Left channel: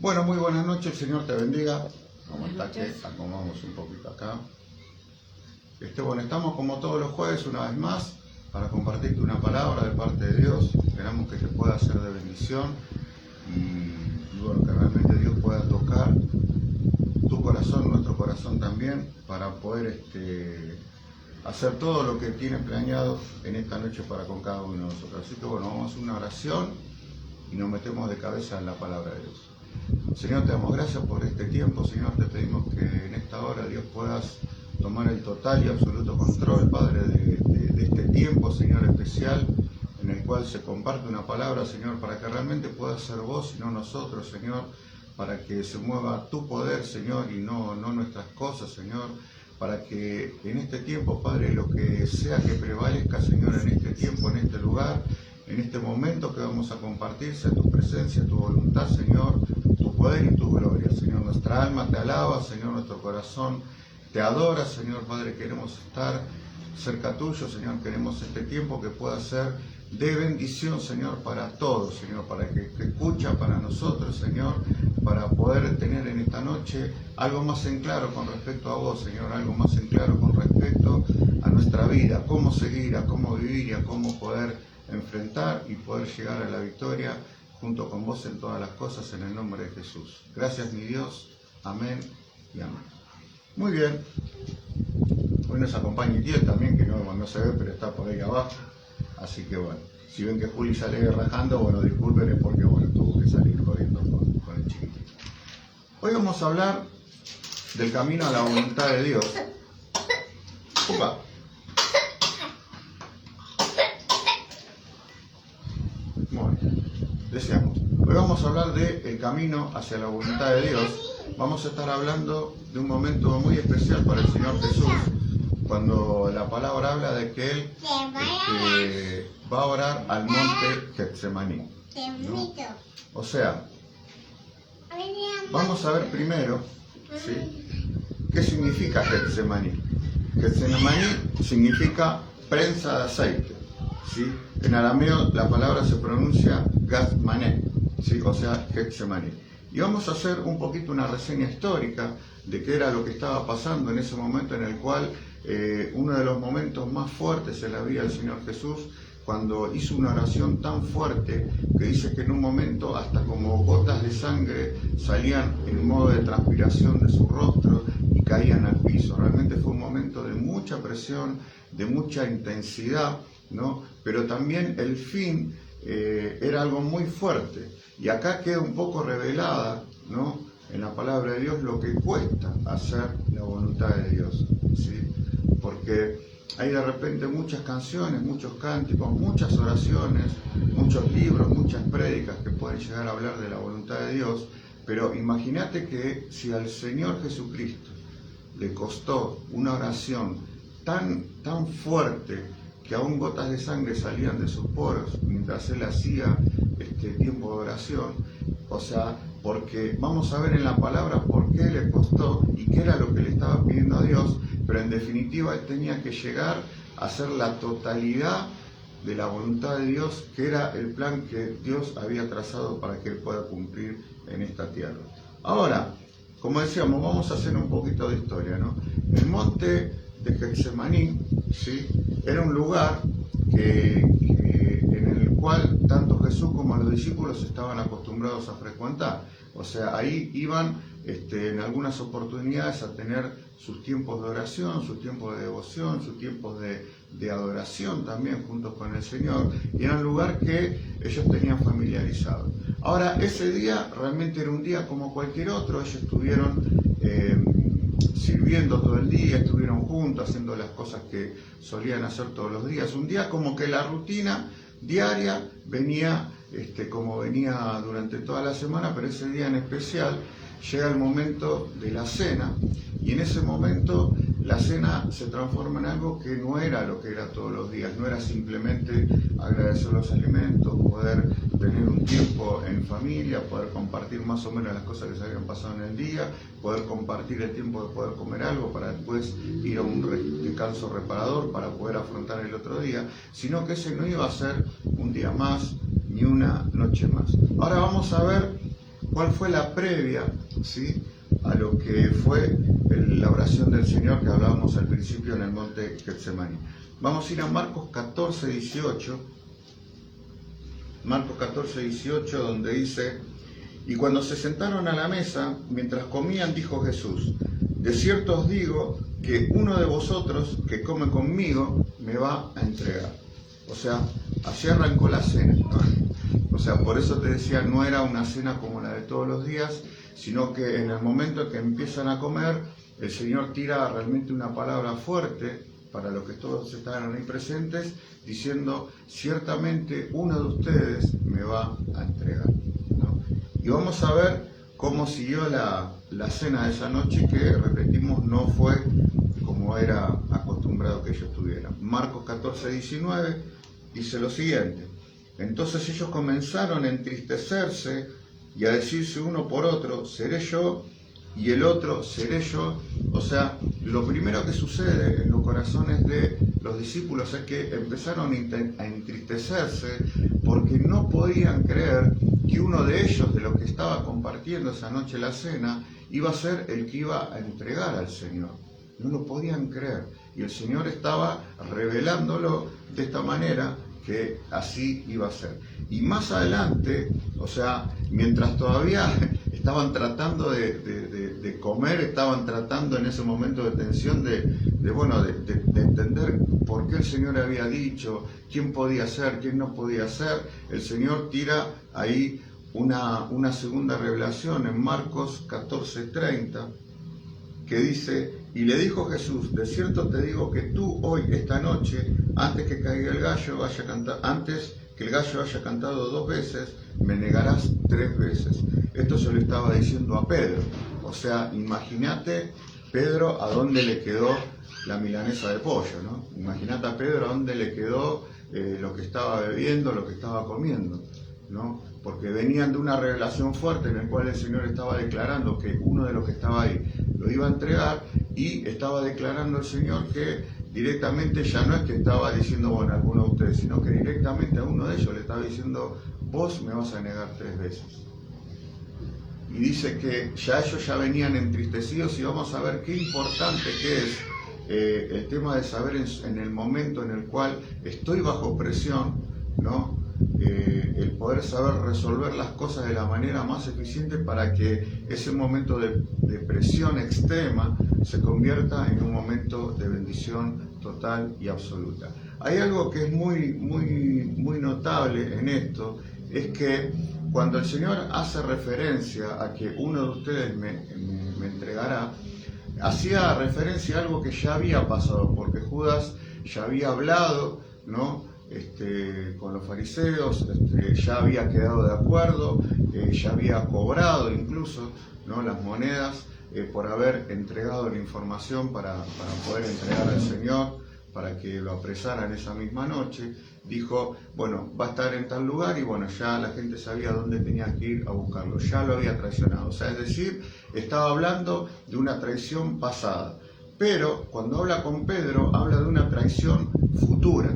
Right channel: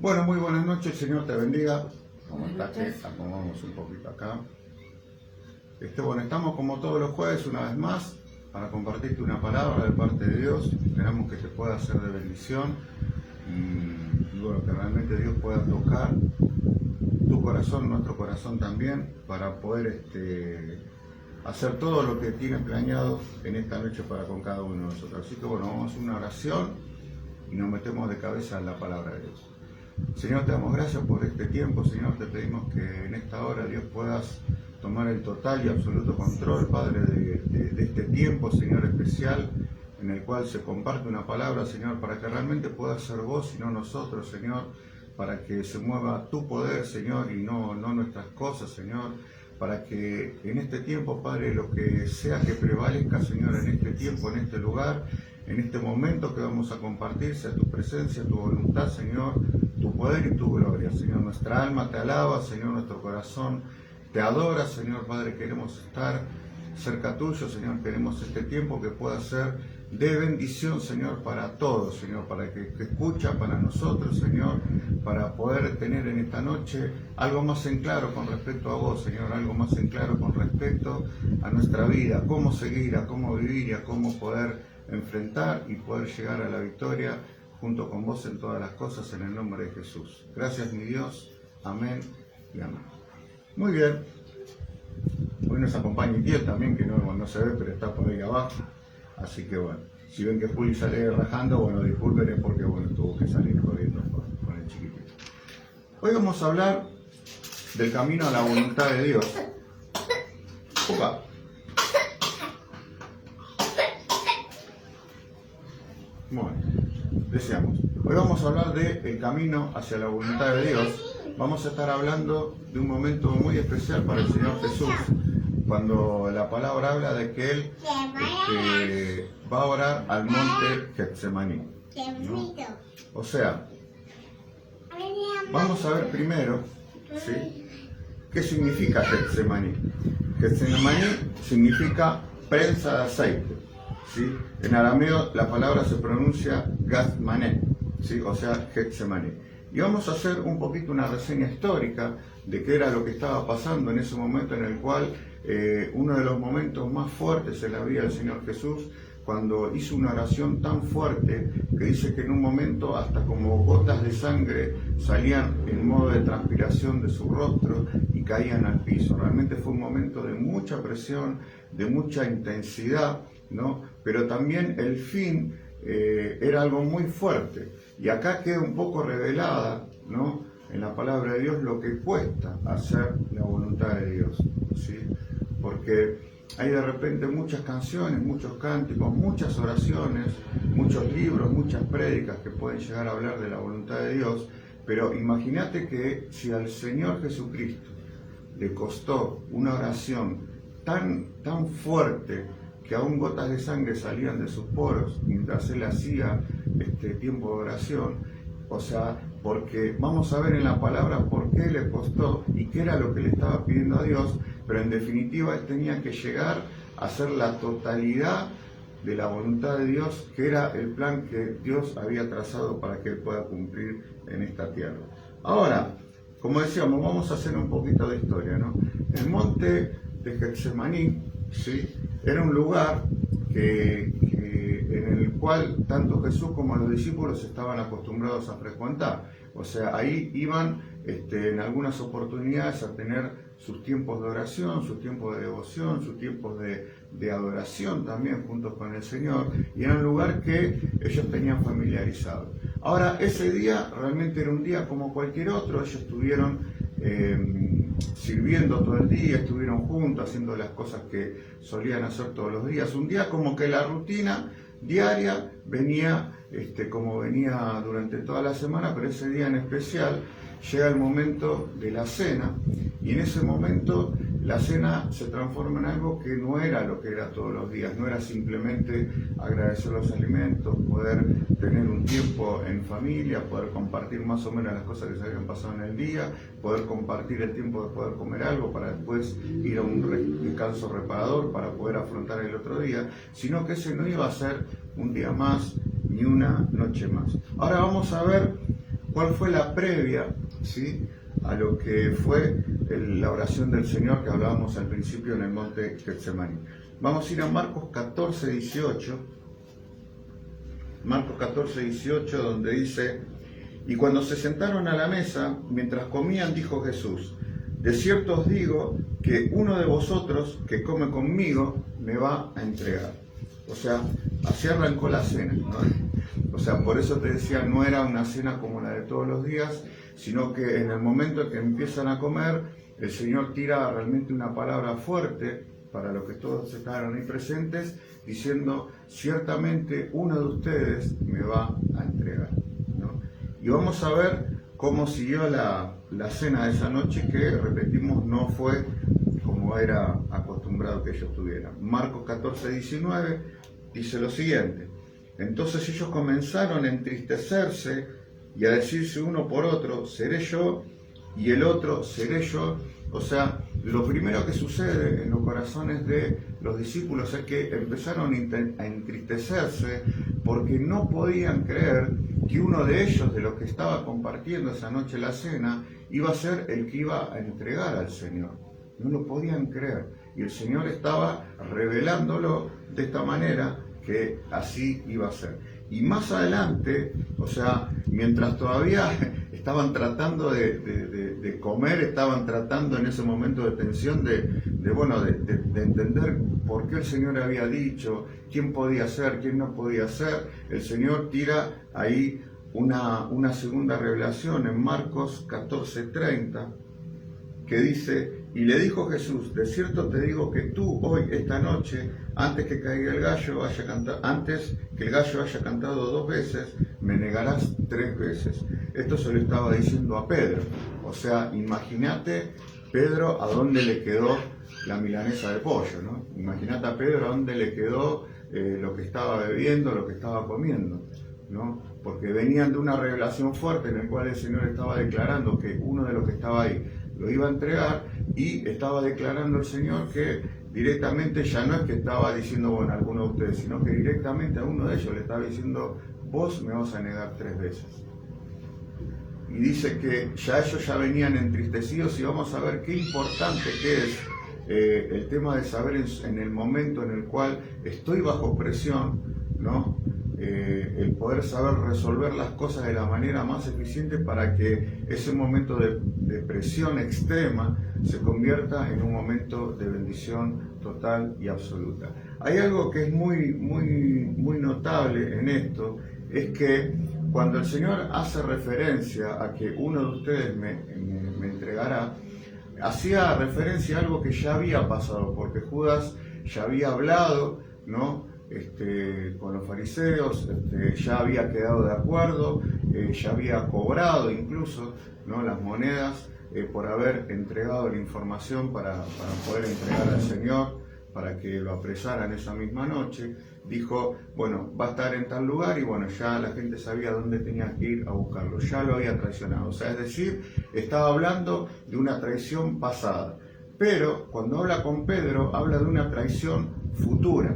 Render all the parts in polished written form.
Bueno, muy buenas noches, el Señor te bendiga. ¿Cómo estás? Que acomodamos un poquito acá. Bueno, estamos como todos los jueves una vez más para compartirte una palabra de parte de Dios. Esperamos que te pueda ser de bendición y bueno, que realmente Dios pueda tocar tu corazón, nuestro corazón también, para poder hacer todo lo que tiene planeado en esta noche para con cada uno de nosotros. Así que bueno, vamos a hacer una oración y nos metemos de cabeza en la palabra de Dios. Señor, te damos gracias por este tiempo. Señor, te pedimos que en esta hora, Dios, puedas tomar el total y absoluto control, Padre, de este tiempo, Señor, especial, en el cual se comparte una palabra, Señor, para que realmente puedas ser vos y no nosotros, Señor, para que se mueva tu poder, Señor, y no nuestras cosas, Señor, para que en este tiempo, Padre, lo que sea que prevalezca, Señor, en este tiempo, en este lugar, en este momento que vamos a compartir, sea tu presencia, tu voluntad, Señor, tu poder y tu gloria. Señor, nuestra alma te alaba, Señor, nuestro corazón te adora, Señor, Padre, queremos estar cerca tuyo, Señor, queremos este tiempo que pueda ser de bendición, Señor, para todos, Señor, para que escucha para nosotros, Señor, para poder tener en esta noche algo más en claro con respecto a vos, Señor, algo más en claro con respecto a nuestra vida, cómo seguir, a cómo vivir y a cómo poder enfrentar y poder llegar a la victoria junto con vos en todas las cosas, en el nombre de Jesús. Gracias, mi Dios. Amén y amén. Muy bien. Hoy nos acompaña Itiel también, que no se ve, pero está por ahí abajo. Así que bueno, si ven que Juli sale rajando, bueno, disculpen, es porque bueno, tuvo que salir corriendo con el chiquitito. Hoy vamos a hablar del camino a la voluntad de Dios. Opa. Bueno, deseamos. Hoy vamos a hablar del camino hacia la voluntad de Dios. Vamos a estar hablando de un momento muy especial para el Señor Jesús, cuando la palabra habla de que Él va a orar al monte Getsemaní, ¿no? O sea, vamos a ver primero, ¿sí?, qué significa Getsemaní. Getsemaní significa prensa de aceite, ¿sí? En arameo la palabra se pronuncia Getsemaní, ¿sí?, o sea, Getsemaní. Y vamos a hacer un poquito una reseña histórica de qué era lo que estaba pasando en ese momento en el cual uno de los momentos más fuertes en la vida del Señor Jesús, cuando hizo una oración tan fuerte que dice que en un momento hasta como gotas de sangre salían en modo de transpiración de su rostro y caían al piso. Realmente fue un momento de mucha presión, de mucha intensidad, ¿no? Pero también el fin era algo muy fuerte. Y acá queda un poco revelada, ¿no?, en la palabra de Dios lo que cuesta hacer la voluntad de Dios, ¿sí? Porque hay de repente muchas canciones, muchos cánticos, muchas oraciones, muchos libros, muchas prédicas que pueden llegar a hablar de la voluntad de Dios, pero imagínate que si al Señor Jesucristo le costó una oración tan fuerte que aún gotas de sangre salían de sus poros mientras Él hacía este tiempo de oración, o sea, porque vamos a ver en la palabra por qué le costó y qué era lo que le estaba pidiendo a Dios, pero en definitiva Él tenía que llegar a hacer la totalidad de la voluntad de Dios, que era el plan que Dios había trazado para que Él pueda cumplir en esta tierra. Ahora, como decíamos, vamos a hacer un poquito de historia, ¿no? El monte de Getsemaní, ¿sí?, era un lugar en el cual tanto Jesús como los discípulos estaban acostumbrados a frecuentar. O sea, ahí iban en algunas oportunidades a tener sus tiempos de oración, sus tiempos de devoción, sus tiempos de adoración también juntos con el Señor, y era un lugar que ellos tenían familiarizado. Ahora, ese día realmente era un día como cualquier otro. Ellos estuvieron sirviendo todo el día, estuvieron juntos haciendo las cosas que solían hacer todos los días. Un día como que la rutina diaria venía como venía durante toda la semana, pero ese día en especial llega el momento de la cena, y en ese momento la cena se transforma en algo que no era lo que era todos los días. No era simplemente agradecer los alimentos, poder tener un tiempo en familia, poder compartir más o menos las cosas que se habían pasado en el día, poder compartir el tiempo de poder comer algo para después ir a un descanso reparador para poder afrontar el otro día, sino que ese no iba a ser un día más ni una noche más. Ahora vamos a ver cuál fue la previa, ¿sí?, a lo que fue la oración del Señor que hablábamos al principio en el monte Getsemaní. Vamos a ir a Marcos 14, 18. Marcos 14, 18, donde dice: y cuando se sentaron a la mesa, mientras comían, dijo Jesús: de cierto os digo que uno de vosotros que come conmigo me va a entregar. O sea, así arrancó la cena, ¿no? O sea, por eso te decía, no era una cena como la de todos los días, sino que en el momento en que empiezan a comer, el Señor tira realmente una palabra fuerte para los que todos estaban ahí presentes, diciendo: ciertamente uno de ustedes me va a entregar, ¿no? Y vamos a ver cómo siguió la cena de esa noche, que, repetimos, no fue como era acostumbrado que ellos tuvieran. Marcos 14, 19 dice lo siguiente: entonces ellos comenzaron a entristecerse y a decirse uno por otro: seré yo, y el otro: seré yo. O sea, lo primero que sucede en los corazones de los discípulos es que empezaron a entristecerse porque no podían creer que uno de ellos, de los que estaba compartiendo esa noche la cena, iba a ser el que iba a entregar al Señor. No lo podían creer. Y el Señor estaba revelándolo de esta manera, que así iba a ser. Y más adelante, o sea, mientras todavía estaban tratando de comer, estaban tratando en ese momento de tensión de entender por qué el Señor había dicho, quién podía ser, quién no podía ser, el Señor tira ahí una segunda revelación en Marcos 14:30, que dice: y le dijo Jesús: de cierto te digo que tú hoy, esta noche, antes que caiga el gallo, antes que el gallo haya cantado 2 veces, me negarás 3 veces. Esto se lo estaba diciendo a Pedro. O sea, imagínate Pedro a dónde le quedó la milanesa de pollo, ¿no? Imagínate a Pedro a dónde le quedó lo que estaba bebiendo, lo que estaba comiendo, ¿no? Porque venían de una revelación fuerte en la cual el Señor estaba declarando que uno de los que estaba ahí lo iba a entregar, y estaba declarando el Señor que directamente ya no es que estaba diciendo, bueno, a alguno de ustedes, sino que directamente a uno de ellos le estaba diciendo: vos me vas a negar 3 veces. Y dice que ya ellos ya venían entristecidos, y vamos a ver qué importante que es el tema de saber en el momento en el cual estoy bajo presión, ¿no? El poder saber resolver las cosas de la manera más eficiente para que ese momento de presión extrema se convierta en un momento de bendición total y absoluta. Hay algo que es muy notable en esto, es que cuando el Señor hace referencia a que uno de ustedes me entregará, hacía referencia a algo que ya había pasado, porque Judas ya había hablado, ¿no?, con los fariseos, ya había quedado de acuerdo, ya había cobrado incluso, ¿no?, las monedas por haber entregado la información para poder entregar al Señor, para que lo apresaran esa misma noche. Dijo: bueno, va a estar en tal lugar, y bueno, ya la gente sabía dónde tenía que ir a buscarlo, ya lo había traicionado. O sea, es decir, estaba hablando de una traición pasada. Pero cuando habla con Pedro, habla de una traición futura,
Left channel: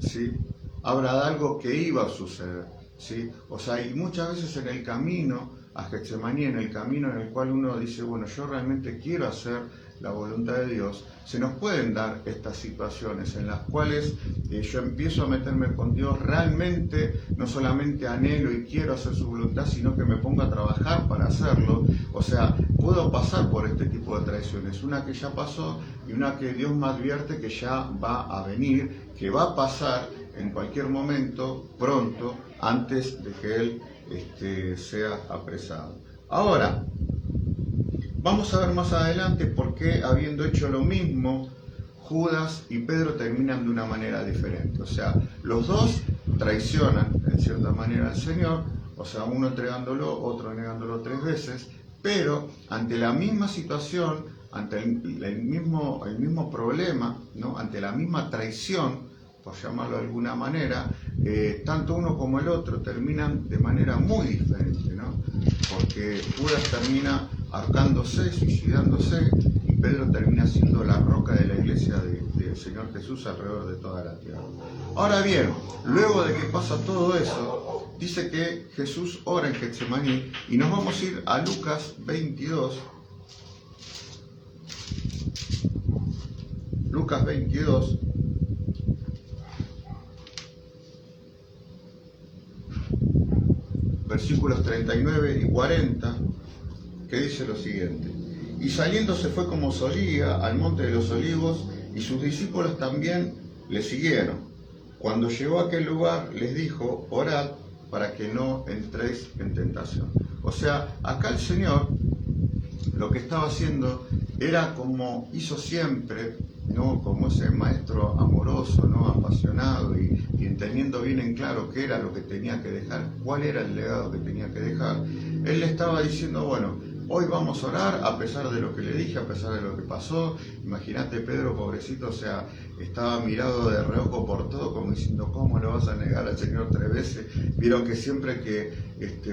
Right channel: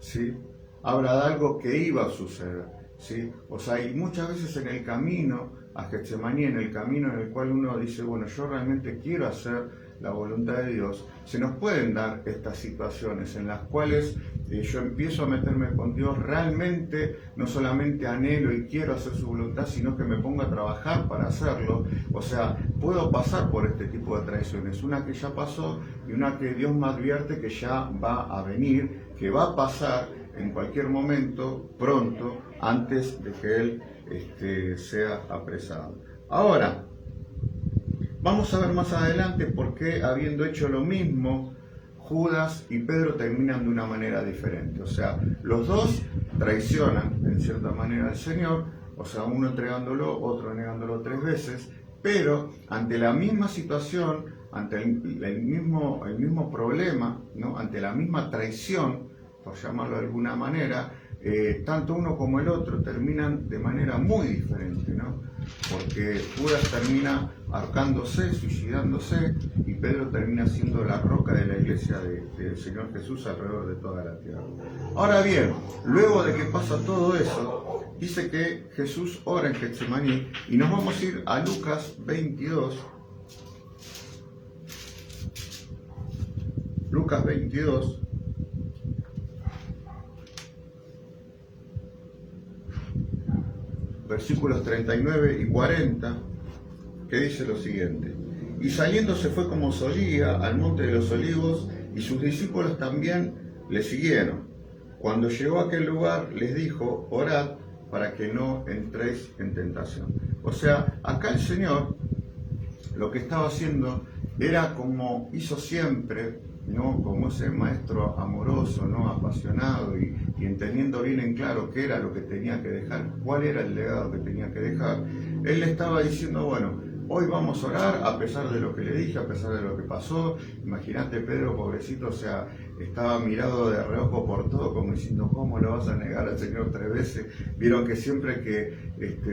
¿sí? Habla de algo que iba a suceder, ¿sí? O sea, y muchas veces en el camino a Getsemaní, en el camino en el cual uno dice, bueno, yo realmente quiero hacer la voluntad de Dios, se nos pueden dar estas situaciones en las cuales yo empiezo a meterme con Dios, realmente no solamente anhelo y quiero hacer su voluntad, sino que me pongo a trabajar para hacerlo. O sea, puedo pasar por este tipo de traiciones, una que ya pasó y una que Dios me advierte que ya va a venir, que va a pasar en cualquier momento, pronto, antes de que Él sea apresado. Ahora, vamos a ver más adelante por qué, habiendo hecho lo mismo, Judas y Pedro terminan de una manera diferente. O sea, los dos traicionan en cierta manera al Señor, o sea, uno entregándolo, otro negándolo 3 veces, pero ante la misma situación, ante el mismo problema, ¿no?, ante la misma traición, por llamarlo de alguna manera, tanto uno como el otro terminan de manera muy diferente, ¿no? Porque Judas termina ahorcándose, suicidándose, y Pedro termina siendo la roca de la iglesia del Señor Jesús alrededor de toda la tierra. Ahora bien, luego de que pasa todo eso, dice que Jesús ora en Getsemaní y nos vamos a ir a Lucas 22. Lucas 22. Versículos 39 y 40, que dice lo siguiente: y saliendo se fue como solía al monte de los olivos, y sus discípulos también le siguieron. Cuando llegó a aquel lugar les dijo: orad para que no entréis en tentación. O sea, acá el Señor lo que estaba haciendo era como hizo siempre, ¿no? Como ese maestro amoroso, ¿no? Apasionado y teniendo bien en claro qué era lo que tenía que dejar, cuál era el legado que tenía que dejar. Él le estaba diciendo: bueno, hoy vamos a orar a pesar de lo que le dije, a pesar de lo que pasó. Imagínate, Pedro, pobrecito, o sea, estaba mirado de reojo por todo, como diciendo: ¿cómo lo vas a negar al Señor 3 veces? Vieron que siempre que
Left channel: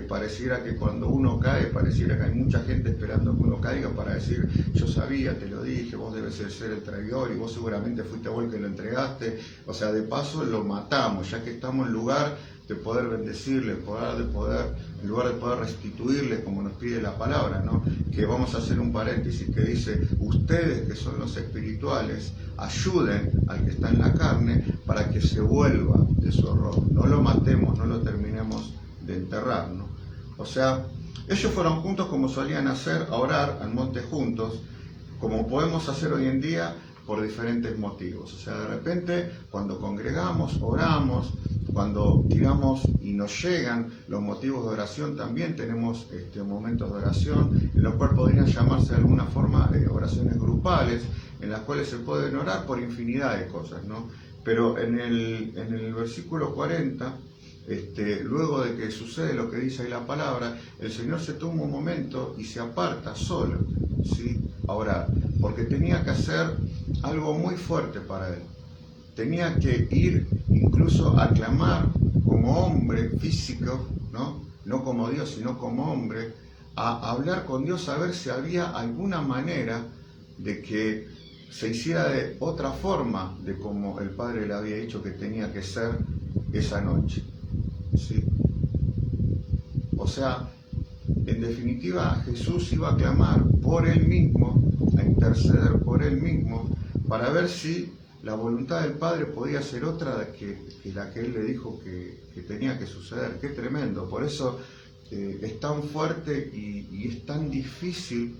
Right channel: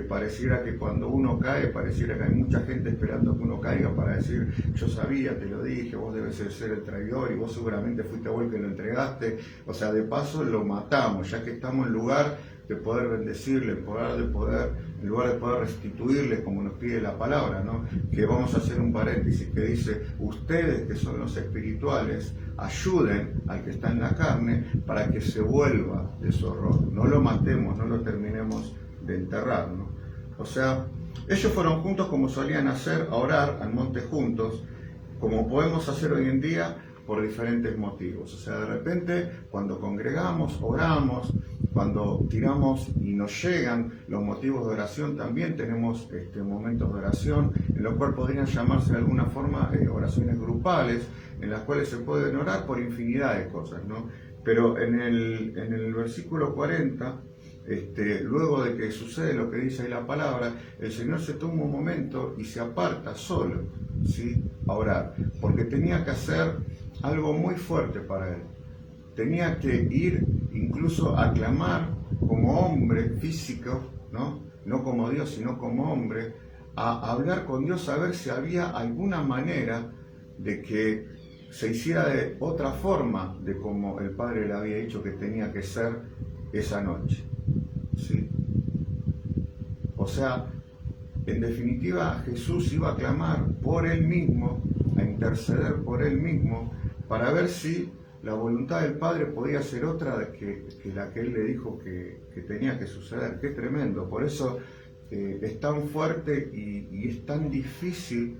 pareciera que cuando uno cae, pareciera que hay mucha gente esperando que uno caiga para decir: yo sabía, te lo dije, vos debes ser el traidor y vos seguramente fuiste vos el que lo entregaste. O sea, de paso lo matamos, ya que estamos en lugar de poder bendecirle, en lugar de poder restituirle, como nos pide la palabra, ¿no? Que vamos a hacer un paréntesis que dice: ustedes que son los espirituales, ayuden al que está en la carne para que se vuelva de su error. No lo matemos, no lo terminemos de enterrar, ¿no? O sea, ellos fueron juntos como solían hacer, a orar al monte juntos, como podemos hacer hoy en día, por diferentes motivos. O sea, de repente, cuando congregamos, oramos, cuando digamos y nos llegan los motivos de oración, también tenemos momentos de oración, en los cuales podrían llamarse de alguna forma oraciones grupales, en las cuales se pueden orar por infinidad de cosas, ¿no? Pero en el versículo 40, luego de que sucede lo que dice ahí la palabra, el Señor se toma un momento y se aparta solo, ¿sí?, a orar, porque tenía que hacer algo muy fuerte para él. Tenía que ir incluso a clamar como hombre físico, no como Dios, sino como hombre, a hablar con Dios, a ver si había alguna manera de que se hiciera de otra forma de como el Padre le había dicho que tenía que ser esa noche, ¿sí? O sea, en definitiva, Jesús iba a clamar por él mismo, a interceder por él mismo, para ver si la voluntad del Padre podía ser otra que la que él le dijo que tenía que suceder. Qué tremendo. Por eso es tan fuerte y es tan difícil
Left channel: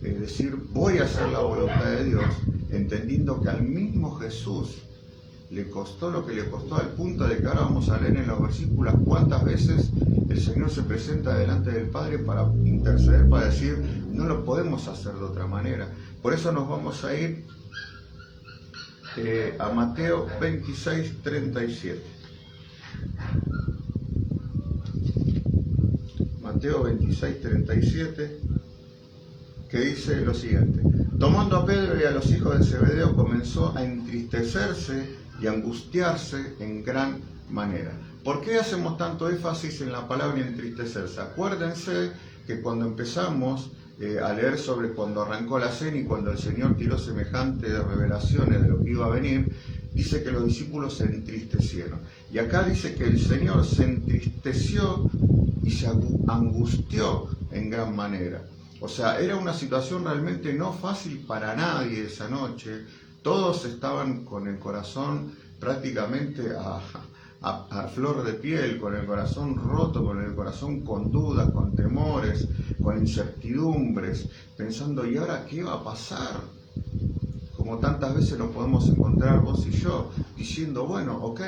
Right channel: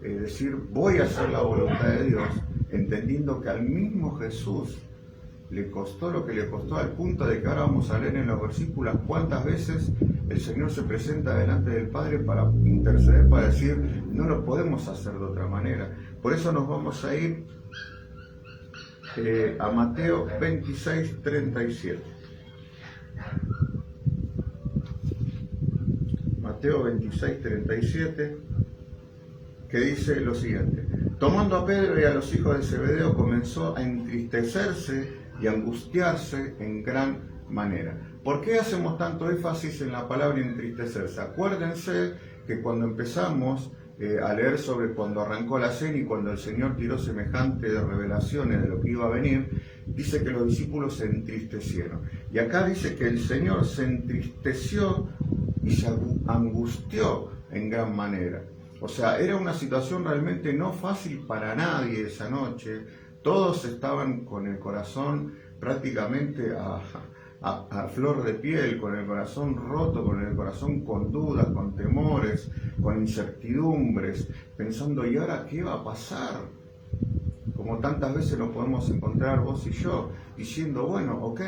decir: voy a hacer la voluntad de Dios, entendiendo que al mismo Jesús le costó lo que le costó, al punto de que ahora vamos a leer en los versículos cuántas veces el Señor se presenta delante del Padre para interceder, para decir: no lo podemos hacer de otra manera. Por eso nos vamos a ir a Mateo 26, 37. Mateo 26, 37, que dice lo siguiente: tomando a Pedro y a los hijos de Zebedeo, comenzó a entristecerse y angustiarse en gran manera. ¿Por qué hacemos tanto énfasis en la palabra entristecerse? Acuérdense que cuando empezamos a leer sobre cuando arrancó la cena y cuando el Señor tiró semejante de revelaciones de lo que iba a venir, dice que los discípulos se entristecieron. Y acá dice que el Señor se entristeció y se angustió en gran manera. O sea, era una situación realmente no fácil para nadie esa noche. Todos estaban con el corazón prácticamente a flor de piel, con el corazón roto, con el corazón con dudas, con temores, con incertidumbres, pensando: ¿y ahora qué va a pasar? Como tantas veces nos podemos encontrar vos y yo, diciendo: bueno, ok,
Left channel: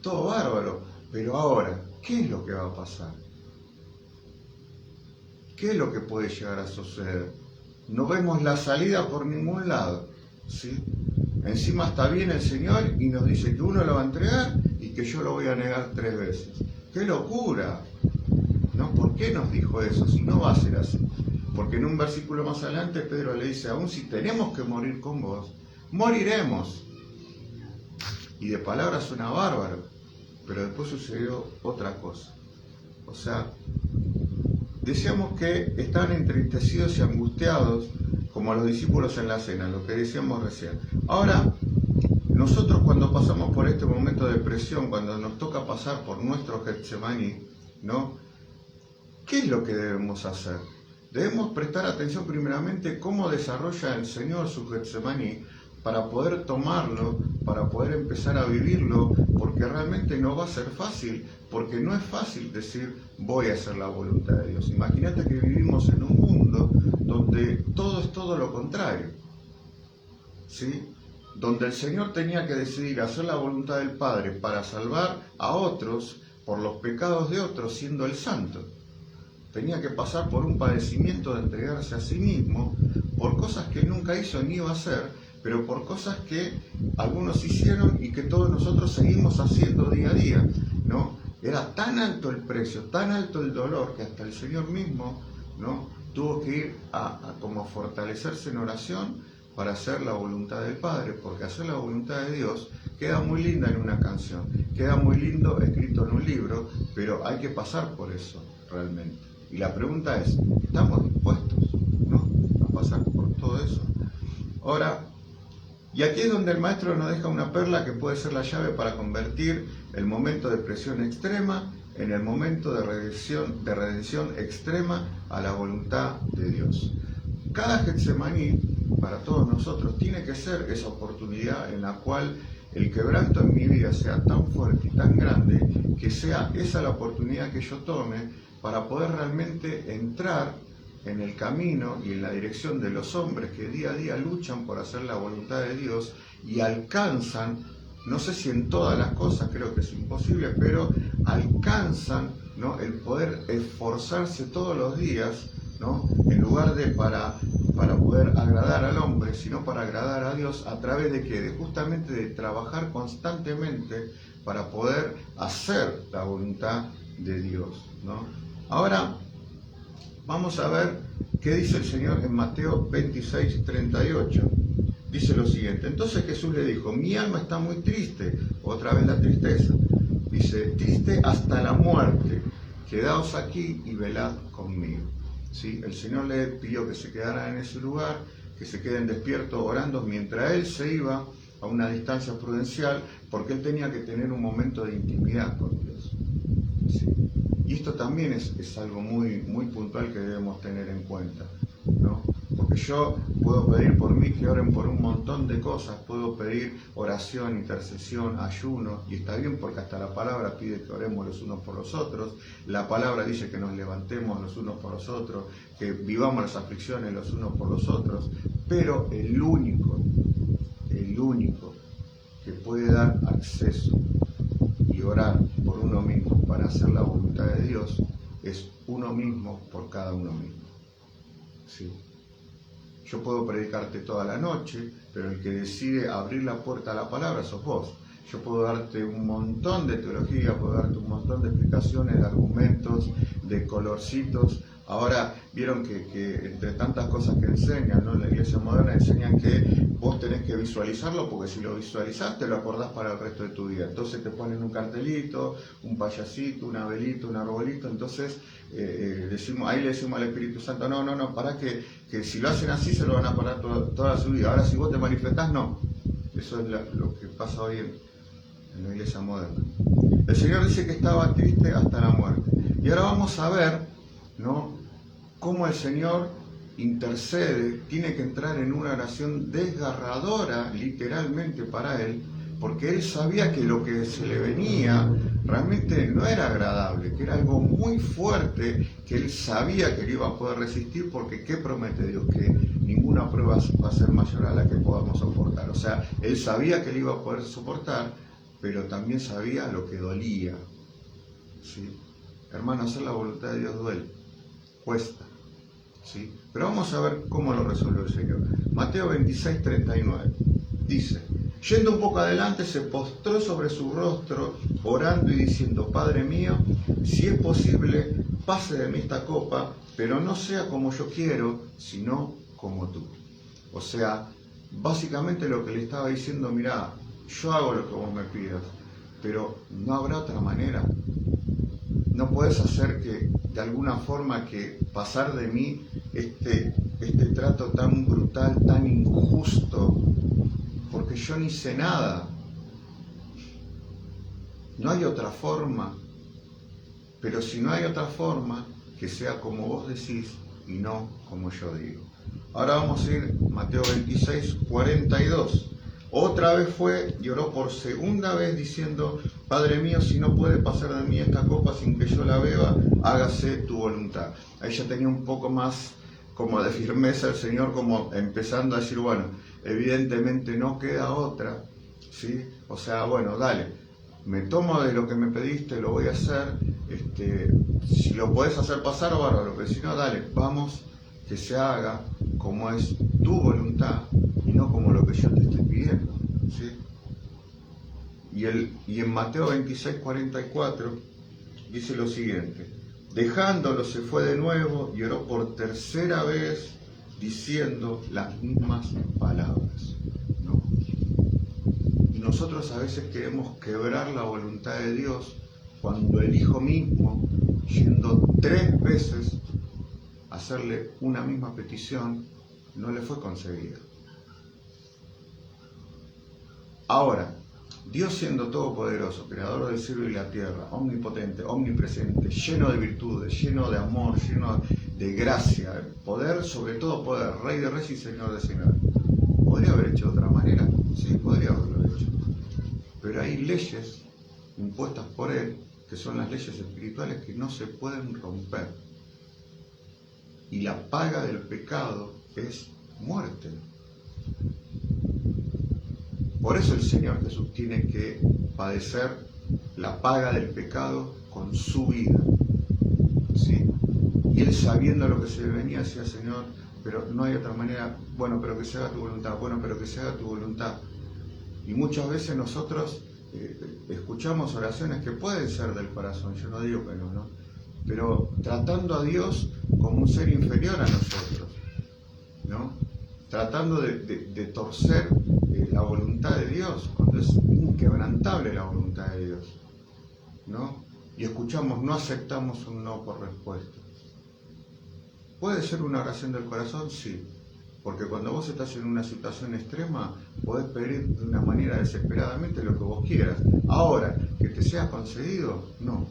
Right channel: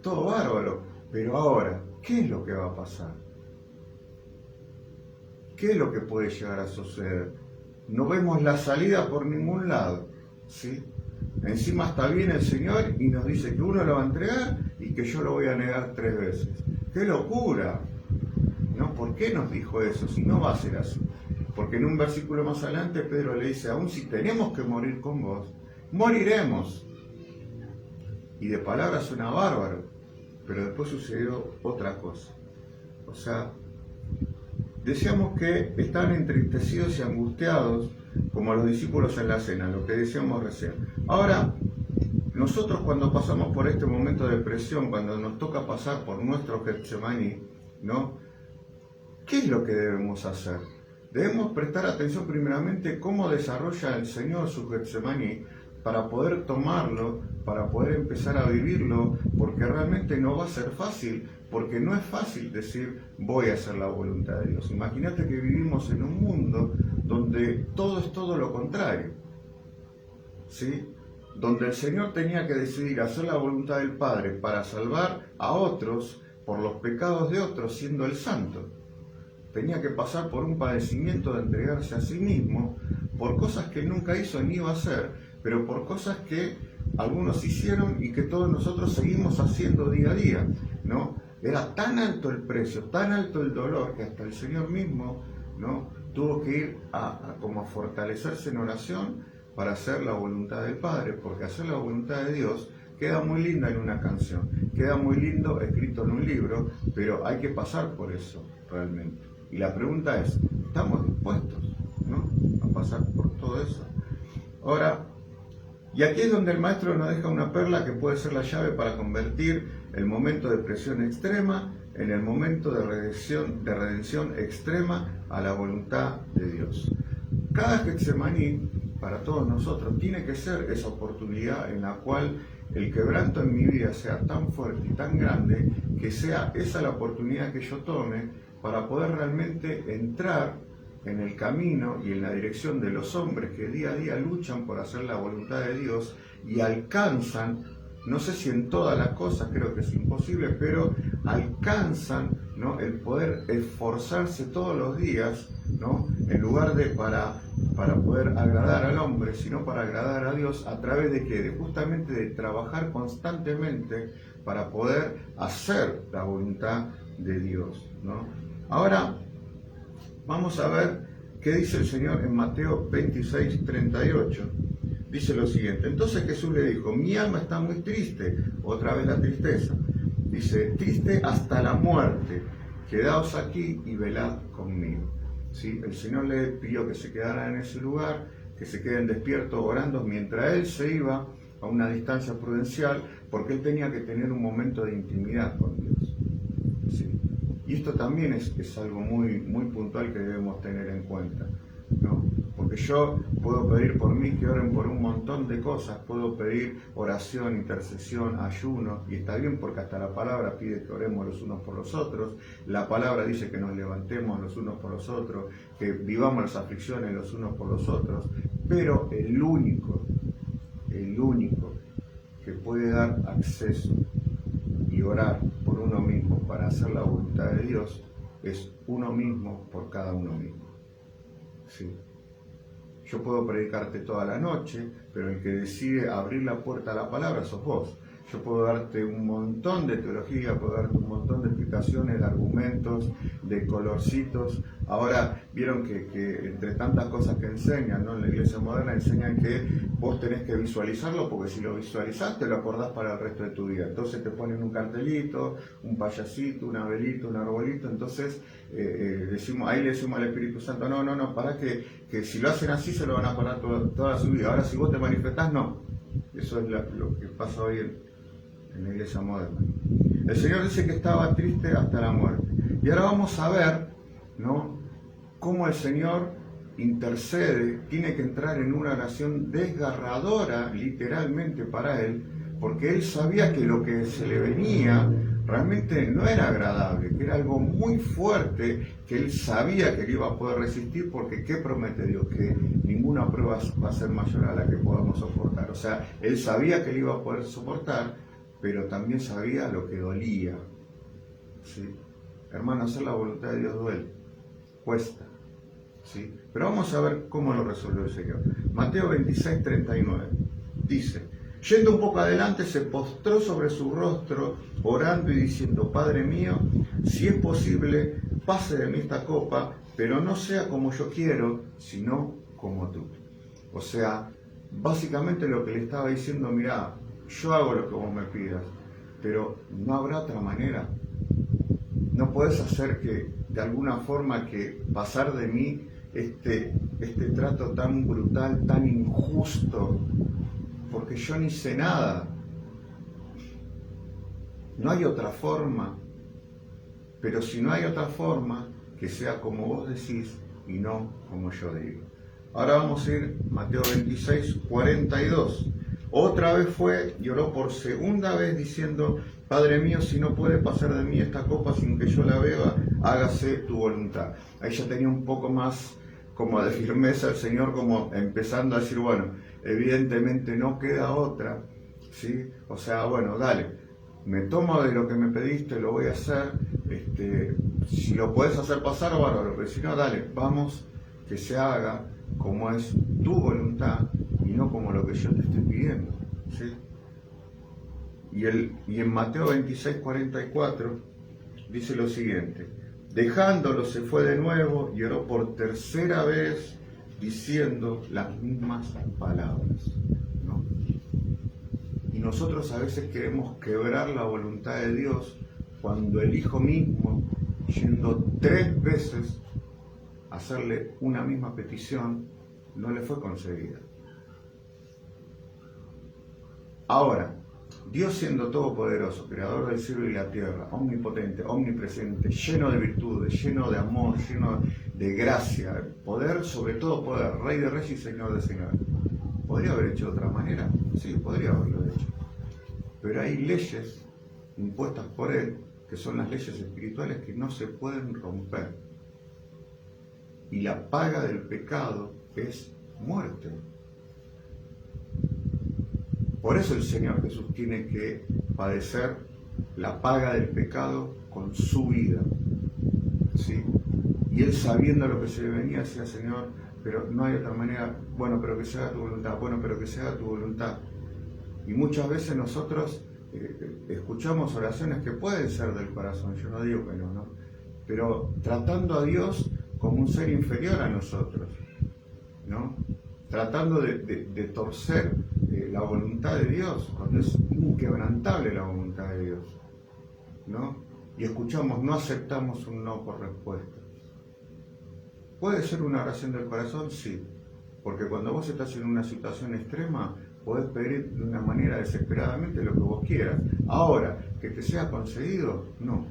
todo bárbaro, pero ahora, ¿qué es lo que va a pasar? ¿Qué es lo que puede llegar a suceder? No vemos la salida por ningún lado, ¿sí? Encima está bien el Señor y nos dice que uno lo va a entregar y que yo lo voy a negar 3 veces. ¡Qué locura! ¿No? ¿Por qué nos dijo eso? Si no va a ser así. Porque en un versículo más adelante Pedro le dice: aún si tenemos que morir con vos, moriremos. Y de palabra suena bárbaro, pero después sucedió otra cosa. O sea, decíamos que están entristecidos y angustiados como los discípulos en la cena, lo que decíamos recién. Ahora, nosotros cuando pasamos por este momento de presión, cuando nos toca pasar por nuestro Getsemaní, ¿no? ¿Qué es lo que debemos hacer? Debemos prestar atención primeramente cómo desarrolla el Señor su Getsemaní para poder tomarlo, para poder empezar a vivirlo, porque realmente no va a ser fácil, porque no es fácil decir voy a hacer la voluntad de Dios. Imagínate que vivimos en un mundo donde todo es todo lo contrario, ¿sí? Donde el Señor tenía que decidir hacer la voluntad del Padre para salvar a otros por los pecados de otros, siendo el Santo. Tenía que pasar por un padecimiento de entregarse a sí mismo, por cosas que él nunca hizo ni iba a hacer, pero por cosas que algunos hicieron y que todos nosotros seguimos haciendo día a día, ¿no? Era tan alto el precio, tan alto el dolor, que hasta el Señor mismo, ¿no?, tuvo que ir como a fortalecerse en oración para hacer la voluntad del Padre, porque hacer la voluntad de Dios queda muy linda en una canción, queda muy lindo escrito en un libro, pero hay que pasar por eso realmente. Y la pregunta es, ¿estamos dispuestos, ¿no?, a pasar por todo eso? Ahora, y aquí es donde el maestro nos deja una perla que puede ser la llave para convertir el momento de presión extrema en el momento de redención extrema a la voluntad de Dios. Cada Getsemaní, para todos nosotros, tiene que ser esa oportunidad en la cual el quebranto en mi vida sea tan fuerte y tan grande que sea esa la oportunidad que yo tome para poder realmente entrar en el camino y en la dirección de los hombres que día a día luchan por hacer la voluntad de Dios y alcanzan, no sé si en todas las cosas, creo que es imposible, pero alcanzan, ¿no?, el poder esforzarse todos los días, ¿no?, en lugar de para poder agradar al hombre, sino para agradar a Dios. ¿A través de qué? De justamente de trabajar constantemente para poder hacer la voluntad de Dios, ¿no? Ahora vamos a ver qué dice el Señor en Mateo 26, 38. Dice lo siguiente: entonces Jesús le dijo, mi alma está muy triste, otra vez la tristeza. Dice, triste hasta la muerte, quedaos aquí y velad conmigo. ¿Sí? El Señor le pidió que se quedara en ese lugar, que se queden despiertos orando, mientras Él se iba a una distancia prudencial, porque Él tenía que tener un momento de intimidad con Dios. ¿Sí? Y esto también es algo muy, muy puntual que debemos tener en cuenta, ¿no? Porque yo puedo pedir por mí que oren por un montón de cosas, puedo pedir oración, intercesión, ayuno, y está bien porque hasta la palabra pide que oremos los unos por los otros, la palabra dice que nos levantemos los unos por los otros, que vivamos las aflicciones los unos por los otros, pero el único que puede dar acceso y orar por uno mismo para hacer la voluntad de Dios es uno mismo por cada uno mismo. ¿Sí? Yo puedo predicarte toda la noche, pero el que decide abrir la puerta a la palabra sos vos. Yo puedo darte un montón de teología, puedo darte un montón de explicaciones, de argumentos, de colorcitos. Ahora vieron que entre tantas cosas que enseñan, ¿no?, en la iglesia moderna enseñan que vos tenés que visualizarlo, porque si lo visualizás te lo acordás para el resto de tu vida. Entonces te ponen un cartelito, un payasito, una velita, un arbolito. Entonces ahí le decimos al Espíritu Santo, no, para que si lo hacen así se lo van a parar toda su vida. Ahora si vos te manifestás, no. Eso es lo que pasa hoy en la iglesia moderna. El Señor dice que estaba triste hasta la muerte. Y ahora vamos a ver, ¿no?, cómo el Señor intercede, tiene que entrar en una oración desgarradora, literalmente para Él, porque Él sabía que lo que se le venía realmente no era agradable, que era algo muy fuerte, que Él sabía que Él iba a poder resistir, porque ¿qué promete Dios? Que ninguna prueba va a ser mayor a la que podamos soportar. O sea, Él sabía que Él iba a poder soportar, pero también sabía lo que dolía. ¿Sí? Hermano, hacer la voluntad de Dios duele, cuesta. ¿Sí? Pero vamos a ver cómo lo resolvió el Señor. Mateo 26, 39. Dice, yendo un poco adelante, se postró sobre su rostro, orando y diciendo, Padre mío, si es posible, pase de mí esta copa, pero no sea como yo quiero, sino como tú. O sea, básicamente lo que le estaba diciendo, mirá, yo hago lo que vos me pidas, pero no habrá otra manera. No puedes hacer que, de alguna forma, que pasar de mí este trato tan brutal, tan injusto, porque yo ni sé nada. No hay otra forma. pero si no hay otra forma, que sea como vos decís y no como yo digo. Ahora vamos a ir Mateo 26, 42. Otra vez fue y oró por segunda vez diciendo: Padre mío, si no puede pasar de mí esta copa sin que yo la beba, hágase tu voluntad. Ahí ya tenía un poco más como de firmeza el Señor, como empezando a decir, bueno, evidentemente no queda otra, ¿sí? O sea, bueno, dale, me tomo de lo que me pediste, lo voy a hacer, si lo puedes hacer pasar, bárbaro, pero si no, dale, vamos, que se haga como es tu voluntad y no como lo que yo te estoy pidiendo, ¿sí? Y en Mateo 26, 44 dice lo siguiente: dejándolo se fue de nuevo y oró por tercera vez diciendo las mismas palabras, ¿no? Y nosotros a veces queremos quebrar la voluntad de Dios cuando el Hijo mismo, yendo 3 veces a hacerle una misma petición, no le fue concedida. Ahora, Dios siendo todopoderoso, creador del cielo y la tierra, omnipotente, omnipresente, lleno de virtudes, lleno de amor, lleno de gracia, poder, sobre todo poder, Rey de reyes y Señor de señores, ¿podría haber hecho de otra manera? Sí, podría haberlo hecho. Pero hay leyes impuestas por Él, que son las leyes espirituales que no se pueden romper. Y la paga del pecado es muerte. Por eso el Señor Jesús tiene que padecer la paga del pecado con su vida, ¿sí? Y Él, sabiendo lo que se venía, decía: Señor, pero no hay otra manera. Bueno, pero que se haga tu voluntad. Bueno, pero que se haga tu voluntad. Y muchas veces nosotros escuchamos oraciones que pueden ser del corazón, yo no digo que no, ¿no? Pero tratando a Dios como un ser inferior a nosotros, ¿no? Tratando de torcer la voluntad de Dios, cuando es inquebrantable la voluntad de Dios, ¿no? Y escuchamos: no aceptamos un no por respuesta. ¿Puede ser una oración del corazón? Sí, porque cuando vos estás en una situación extrema, podés pedir de una manera desesperadamente lo que vos quieras. Ahora, que te sea concedido, no.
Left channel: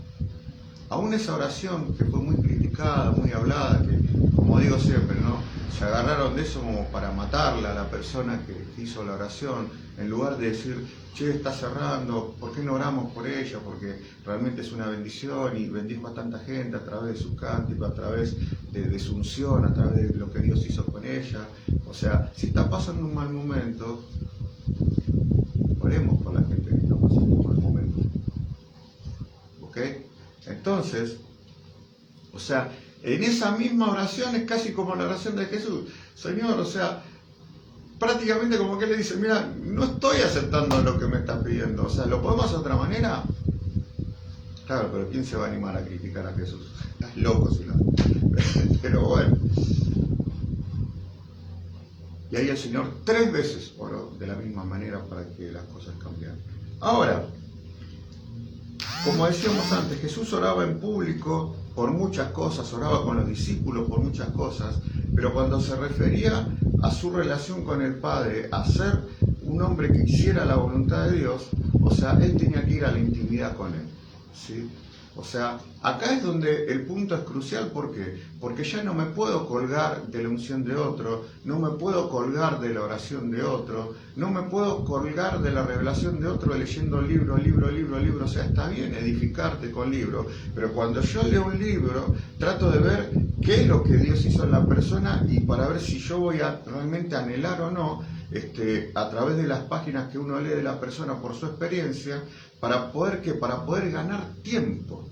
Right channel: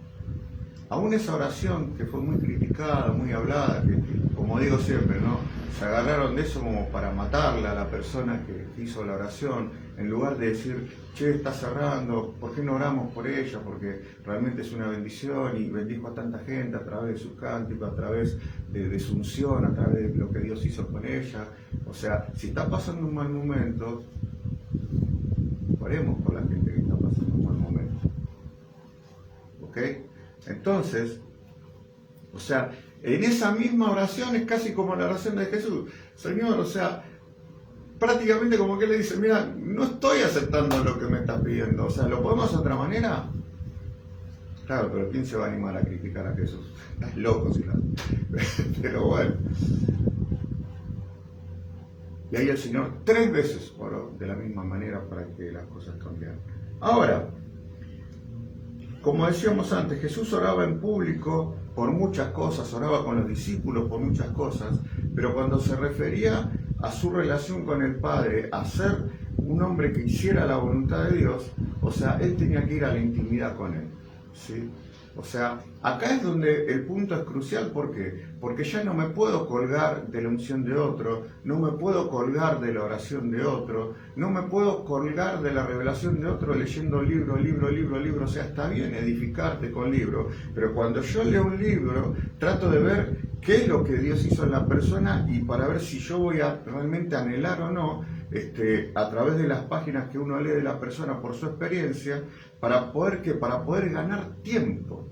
Aún esa oración que fue muy criticada, muy hablada, que, como digo siempre, ¿no?, se agarraron de eso como para matarla a la persona que hizo la oración, en lugar de decir: che, está cerrando, ¿por qué no oramos por ella? Porque realmente es una bendición y bendijo a tanta gente a través de su cántico, a través de su unción, a través de lo que Dios hizo con ella. O sea, si está pasando un mal momento, oremos por la gente que está pasando un mal momento. ¿Ok? Entonces, o sea, en esa misma oración es casi como la oración de Jesús. Señor, o sea, prácticamente como que le dice: mira, no estoy aceptando lo que me estás pidiendo, o sea, ¿lo podemos hacer de otra manera? Claro, pero ¿quién se va a animar a criticar a Jesús? Estás loco si no. Pero bueno. Y ahí el Señor 3 veces oró de la misma manera para que las cosas cambiaran. Ahora, como decíamos antes, Jesús oraba en público por muchas cosas, oraba con los discípulos por muchas cosas, pero cuando se refería a su relación con el Padre, a ser un hombre que hiciera la voluntad de Dios, o sea, Él tenía que ir a la intimidad con Él, ¿sí? O sea, acá es donde el punto es crucial. ¿Por qué? Porque ya no me puedo colgar de la unción de otro, no me puedo colgar de la oración de otro, no me puedo colgar de la revelación de otro leyendo libro. O sea, está bien edificarte con libro, pero cuando yo leo un libro, trato de ver qué es lo que Dios hizo en la persona y para ver si yo voy a realmente anhelar o no, a través de las páginas que uno lee de la persona por su experiencia, para poder ganar tiempo,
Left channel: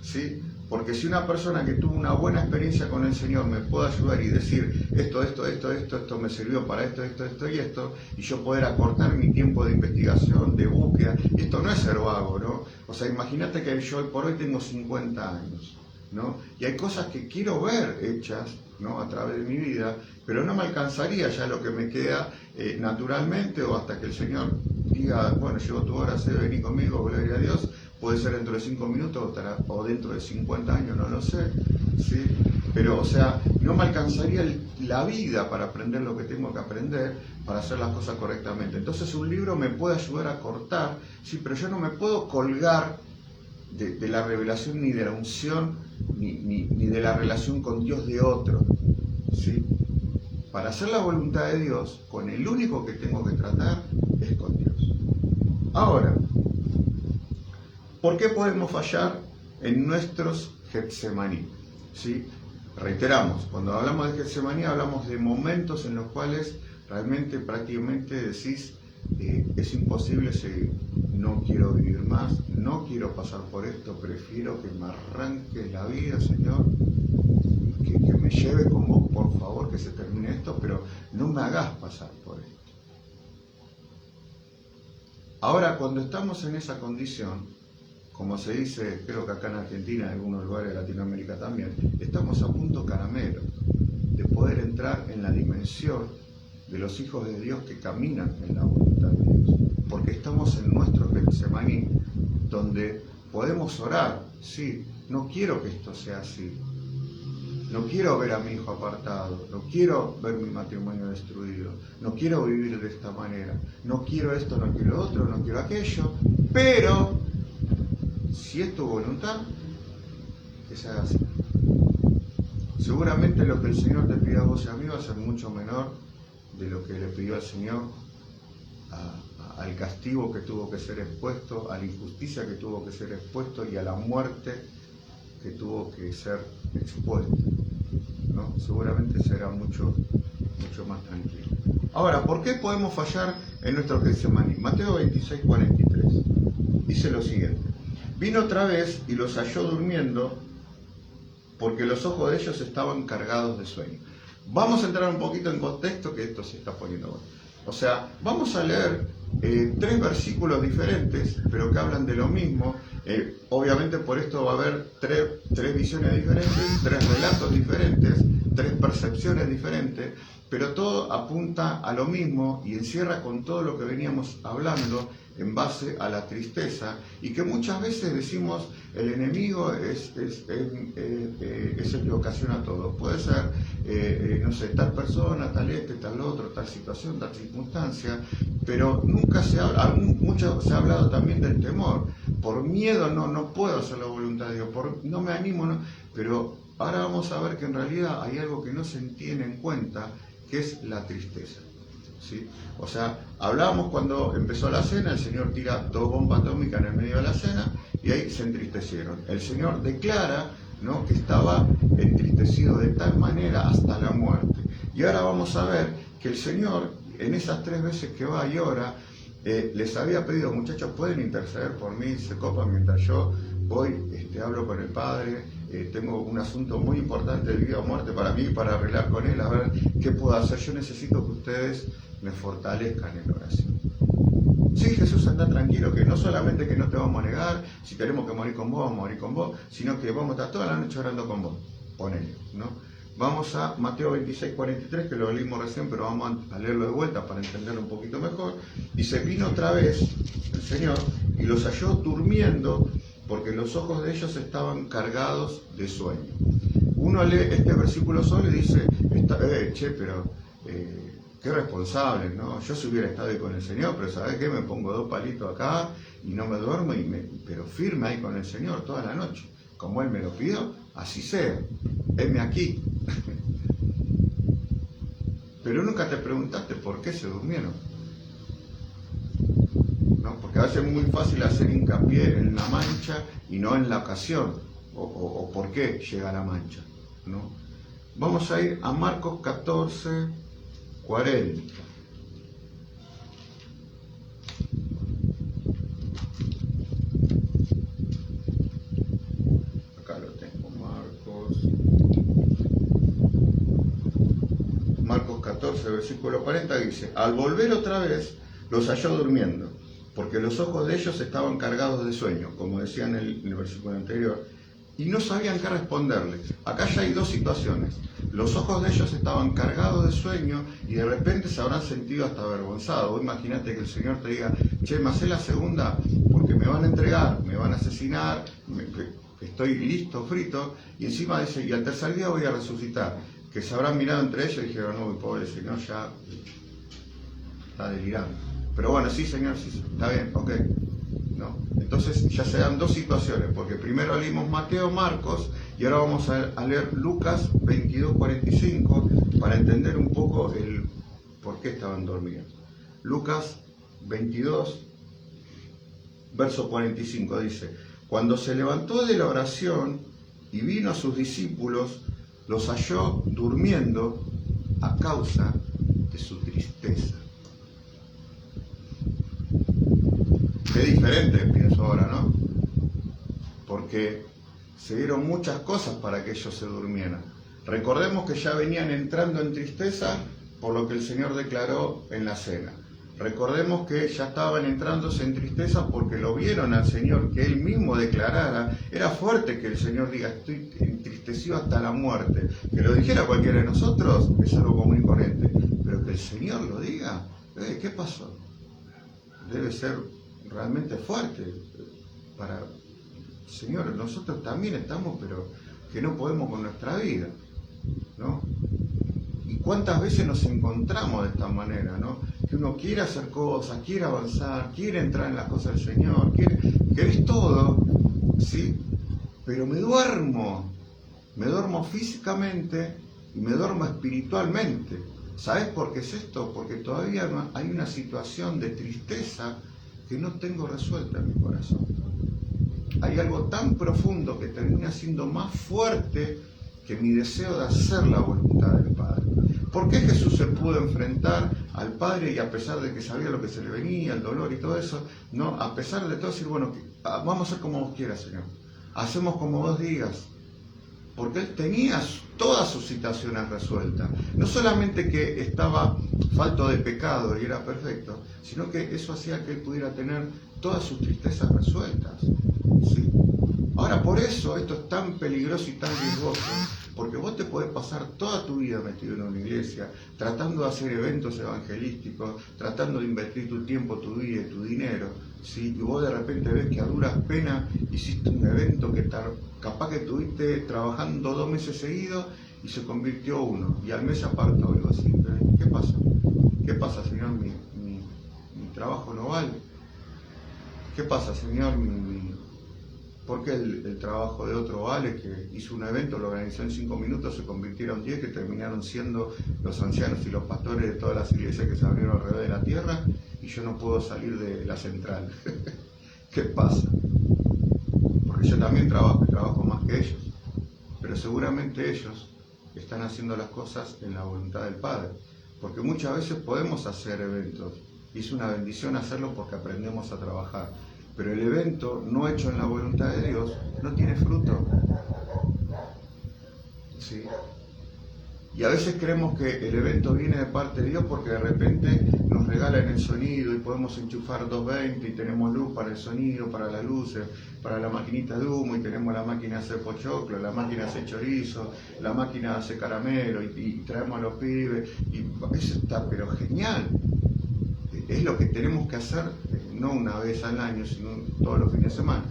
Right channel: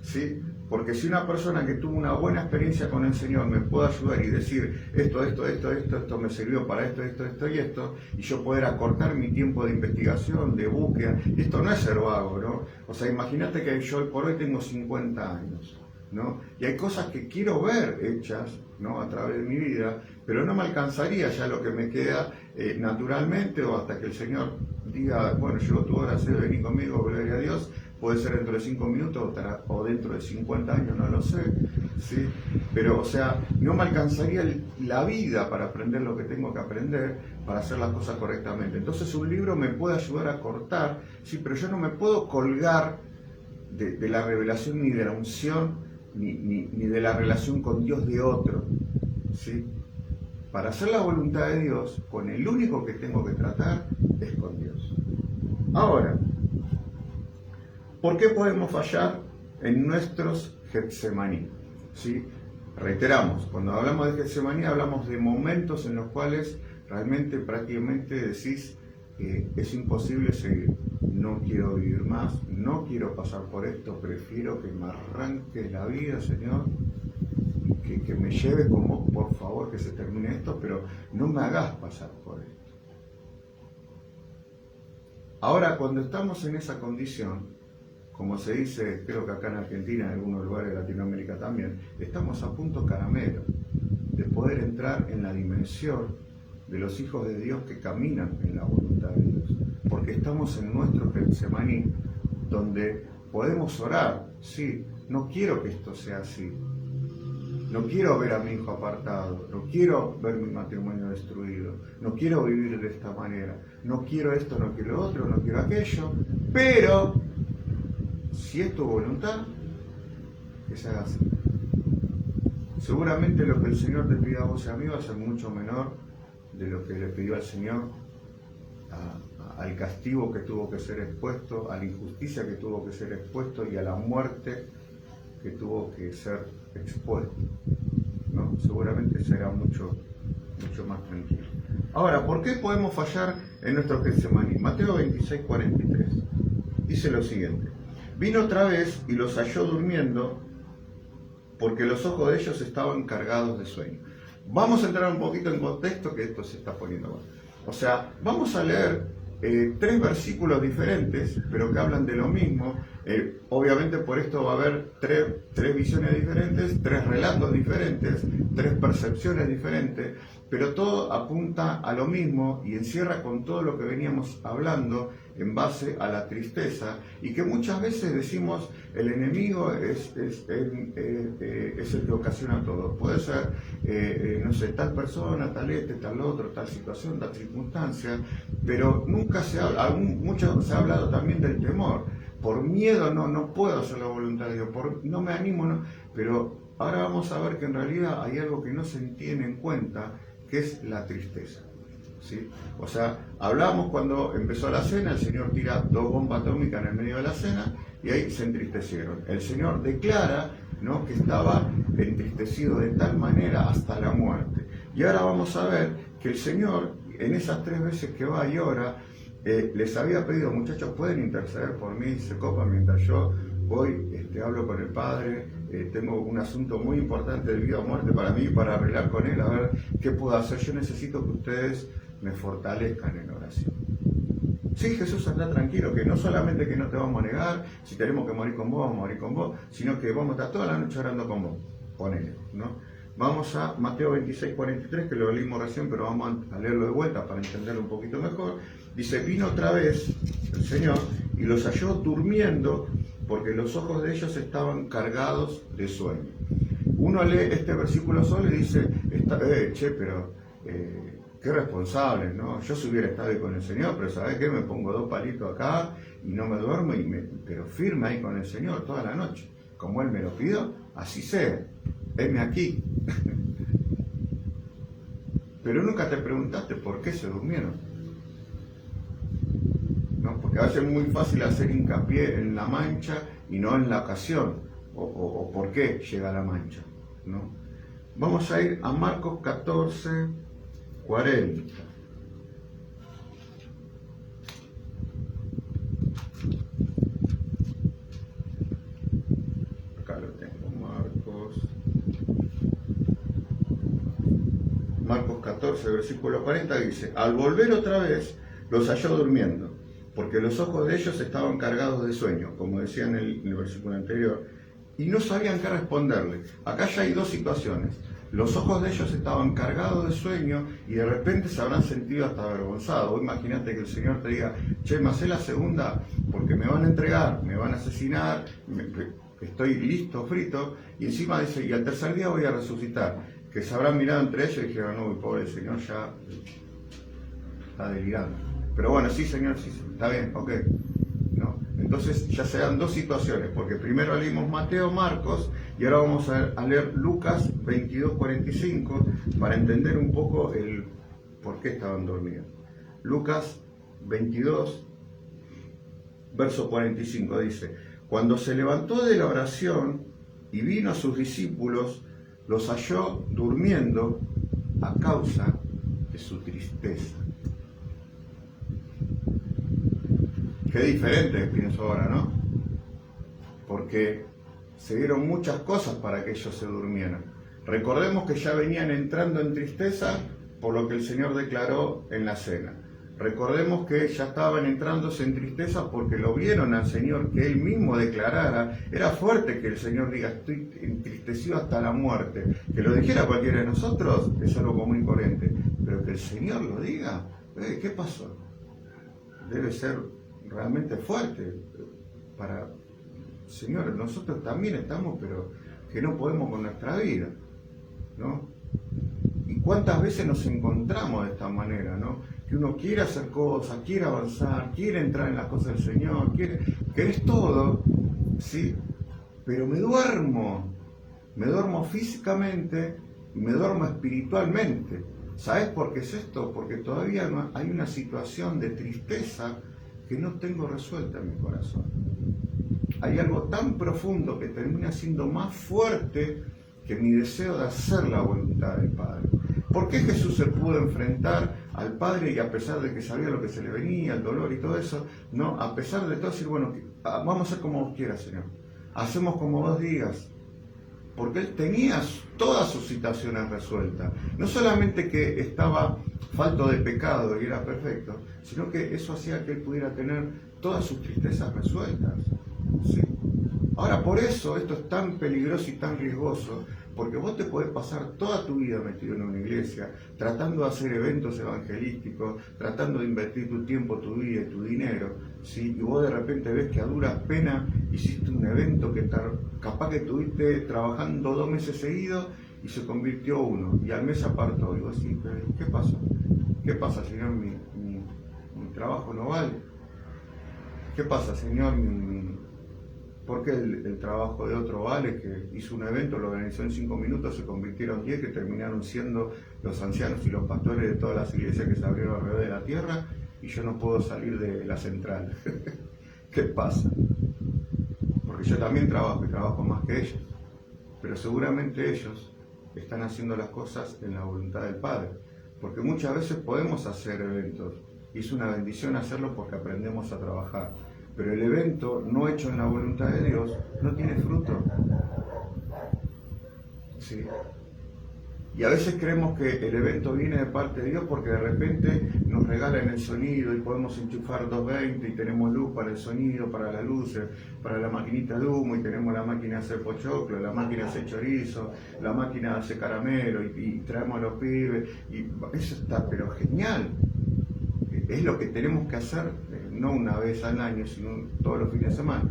¿sí? Porque si una persona que tuvo una buena experiencia con el Señor me puede ayudar y decir: esto me sirvió para esto y esto, y yo poder acortar mi tiempo de investigación, de búsqueda, y esto no es ser vago, ¿no? O sea, imagínate que yo hoy por hoy tengo 50 años, ¿no? Y hay cosas que quiero ver hechas, ¿no?, a través de mi vida, pero no me alcanzaría ya lo que me queda naturalmente, o hasta que el Señor diga: bueno, llegó tu hora, vení conmigo, gloria a Dios. Puede ser dentro de 5 minutos o dentro de 50 años, no lo sé, ¿sí? Pero, o sea, no me alcanzaría la vida para aprender lo que tengo que aprender, para hacer las cosas correctamente. Entonces un libro me puede ayudar a cortar, sí, pero yo no me puedo colgar de la revelación ni de la unción, ni de la relación con Dios de otro, ¿sí? Para hacer la voluntad de Dios, con el único que tengo que tratar es con Dios. Ahora, ¿por qué podemos fallar en nuestros Getsemaní? ¿Sí? Reiteramos, cuando hablamos de Getsemaní hablamos de momentos en los cuales realmente prácticamente decís, es imposible seguir, no quiero vivir más, no quiero pasar por esto, prefiero que me arranque la vida, Señor, y que me lleve con vos, por favor, que se termine esto, pero no me hagas pasar por esto. Ahora, cuando estamos en esa condición, como se dice, creo que acá en Argentina, en algunos lugares de Latinoamérica también, estamos a punto caramelo de poder entrar en la dimensión de los hijos de Dios que caminan en la voluntad de Dios, porque estamos en nuestro Getsemaní, donde podemos orar, sí, no quiero que esto sea así, no quiero ver a mi hijo apartado, no quiero ver mi matrimonio destruido, no quiero vivir de esta manera, no quiero esto, no quiero otro, no quiero aquello, pero si es tu voluntad, que se haga así. Seguramente lo que el Señor te pida a vos y a mí va a ser mucho menor de lo que le pidió al Señor al castigo que tuvo que ser expuesto, a la injusticia que tuvo que ser expuesto y a la muerte que tuvo que ser expuesto, ¿no? Seguramente será mucho más tranquilo. Ahora, ¿por qué podemos fallar en nuestro Getsemaní? Mateo 26:43 dice lo siguiente: vino otra vez y los halló durmiendo, porque los ojos de ellos estaban cargados de sueño. Vamos a entrar un poquito en contexto, que esto se está poniendo bueno. O sea, vamos a leer 3 versículos diferentes, pero que hablan de lo mismo. Obviamente por esto va a haber tres visiones diferentes, 3 relatos diferentes, 3 percepciones diferentes, pero todo apunta a lo mismo y encierra con todo lo que veníamos hablando en base a la tristeza, y que muchas veces decimos el enemigo es el que ocasiona todo. Puede ser, no sé, tal persona, tal tal otro, tal situación, tal circunstancia, pero nunca se habla, mucho se ha hablado también del temor. Por miedo no puedo hacer la voluntad de Dios, no me animo, no. Pero ahora vamos a ver que en realidad hay algo que no se tiene en cuenta, que es la tristeza. ¿Sí? O sea, hablábamos cuando empezó la cena, el Señor tira 2 bombas atómicas en el medio de la cena y ahí se entristecieron. El Señor declara, ¿no?, que estaba entristecido de tal manera hasta la muerte. Y ahora vamos a ver que el Señor, en esas 3 veces que va y ora, les había pedido: muchachos, pueden interceder por mí, se copan mientras yo voy, hablo con el Padre, tengo un asunto muy importante de vida o muerte para mí, para arreglar con Él, a ver qué puedo hacer. Yo necesito que ustedes me fortalezcan en oración. Sí, Jesús, anda tranquilo, que no solamente que no te vamos a negar, si tenemos que morir con vos, vamos a morir con vos, sino que vamos a estar toda la noche orando con vos. Ponele, ¿no? Vamos a Mateo 26:43, que lo leímos recién, pero vamos a leerlo de vuelta para entenderlo un poquito mejor. Dice: vino otra vez el Señor y los halló durmiendo, porque los ojos de ellos estaban cargados de sueño. Uno lee este versículo solo y dice: qué responsable, ¿no? Yo si hubiera estado ahí con el Señor, pero ¿sabes qué? Me pongo 2 palitos acá y no me duermo, pero firme ahí con el Señor toda la noche. Como Él me lo pidió, así sea. Heme aquí. Pero nunca te preguntaste por qué se durmieron, ¿no? Porque a veces es muy fácil hacer hincapié en la mancha y no en la ocasión, o por qué llega la mancha, ¿no? Vamos a ir a Marcos 14:40. Acá lo tengo, Marcos 14, versículo 40, dice: al volver otra vez, los halló durmiendo, porque los ojos de ellos estaban cargados de sueño, como decía en el versículo anterior, y no sabían qué responderle. Acá ya hay 2 situaciones. Los ojos de ellos estaban cargados de sueño y de repente se habrán sentido hasta avergonzados. Vos imagínate que el Señor te diga: che, me hacé la segunda porque me van a entregar, me van a asesinar, estoy listo, frito, y encima dice: y al tercer día voy a resucitar. Que se habrán mirado entre ellos y dijeron: no, pobre Señor, ya está delirando. Pero bueno, sí, Señor, sí, está bien, ok. ¿No? Entonces ya se dan dos situaciones, porque primero leímos Mateo, Marcos, y ahora vamos a leer Lucas 22:45 para entender un poco el por qué estaban dormidos. Lucas 22, verso 45 dice: cuando se levantó de la oración y vino a sus discípulos, los halló durmiendo a causa de su tristeza. Qué diferente, pienso ahora, ¿no? Porque se dieron muchas cosas para que ellos se durmieran. Recordemos que ya venían entrando en tristeza por lo que el Señor declaró en la cena. Recordemos que ya estaban entrándose en tristeza porque lo vieron al Señor, que Él mismo declarara. Era fuerte que el Señor diga: estoy entristecido hasta la muerte. Que lo dijera cualquiera de nosotros es algo común y corriente, pero que el Señor lo diga, ¿qué pasó? Debe ser realmente fuerte para... Señor, nosotros también estamos, pero que no podemos con nuestra vida, ¿no? Y cuántas veces nos encontramos de esta manera, ¿no? Que uno quiere hacer cosas, quiere avanzar, quiere entrar en las cosas del Señor, querés todo, ¿sí? Pero me duermo físicamente y me duermo espiritualmente. ¿Sabes por qué es esto? Porque todavía hay una situación de tristeza que no tengo resuelta en mi corazón. Hay algo tan profundo que termina siendo más fuerte que mi deseo de hacer la voluntad del Padre. ¿Por qué Jesús se pudo enfrentar al Padre y a pesar de que sabía lo que se le venía, el dolor y todo eso, no, a pesar de todo decir, bueno, vamos a hacer como vos quieras, Señor, hacemos como vos digas? Porque Él tenía todas sus situaciones resueltas. No solamente que estaba falto de pecado y era perfecto, sino que eso hacía que Él pudiera tener todas sus tristezas resueltas. ¿Sí? Ahora, por eso esto es tan peligroso y tan riesgoso, porque vos te podés pasar toda tu vida metido en una iglesia, tratando de hacer eventos evangelísticos, tratando de invertir tu tiempo, tu vida y tu dinero, ¿sí? Y vos de repente ves que a duras penas hiciste un evento que capaz que estuviste trabajando 2 meses seguidos y se convirtió uno, y al mes apartó. Digo así, ¿qué pasa? ¿Qué pasa, Señor? Mi trabajo no vale. ¿Qué pasa, Señor? ¿Por qué el trabajo de otro vale, que hizo un evento, lo organizó en 5 minutos, se convirtieron 10, que terminaron siendo los ancianos y los pastores de todas las iglesias que se abrieron alrededor de la tierra, y yo no puedo salir de la central? ¿Qué pasa? Porque yo también trabajo y trabajo más que ellos, pero seguramente ellos están haciendo las cosas en la voluntad del Padre, porque muchas veces podemos hacer eventos, y es una bendición hacerlo porque aprendemos a trabajar. Pero el evento no hecho en la voluntad de Dios no tiene fruto. ¿Sí? Y a veces creemos que el evento viene de parte de Dios porque de repente nos regalan el sonido y podemos enchufar 220 y tenemos luz para el sonido, para las luces, para la maquinita de humo, y tenemos la máquina de hacer pochoclo, la máquina de hacer chorizo, la máquina de hacer caramelo, y traemos a los pibes, y eso está pero genial. Es lo que tenemos que hacer, no una vez al año, sino todos los fines de semana.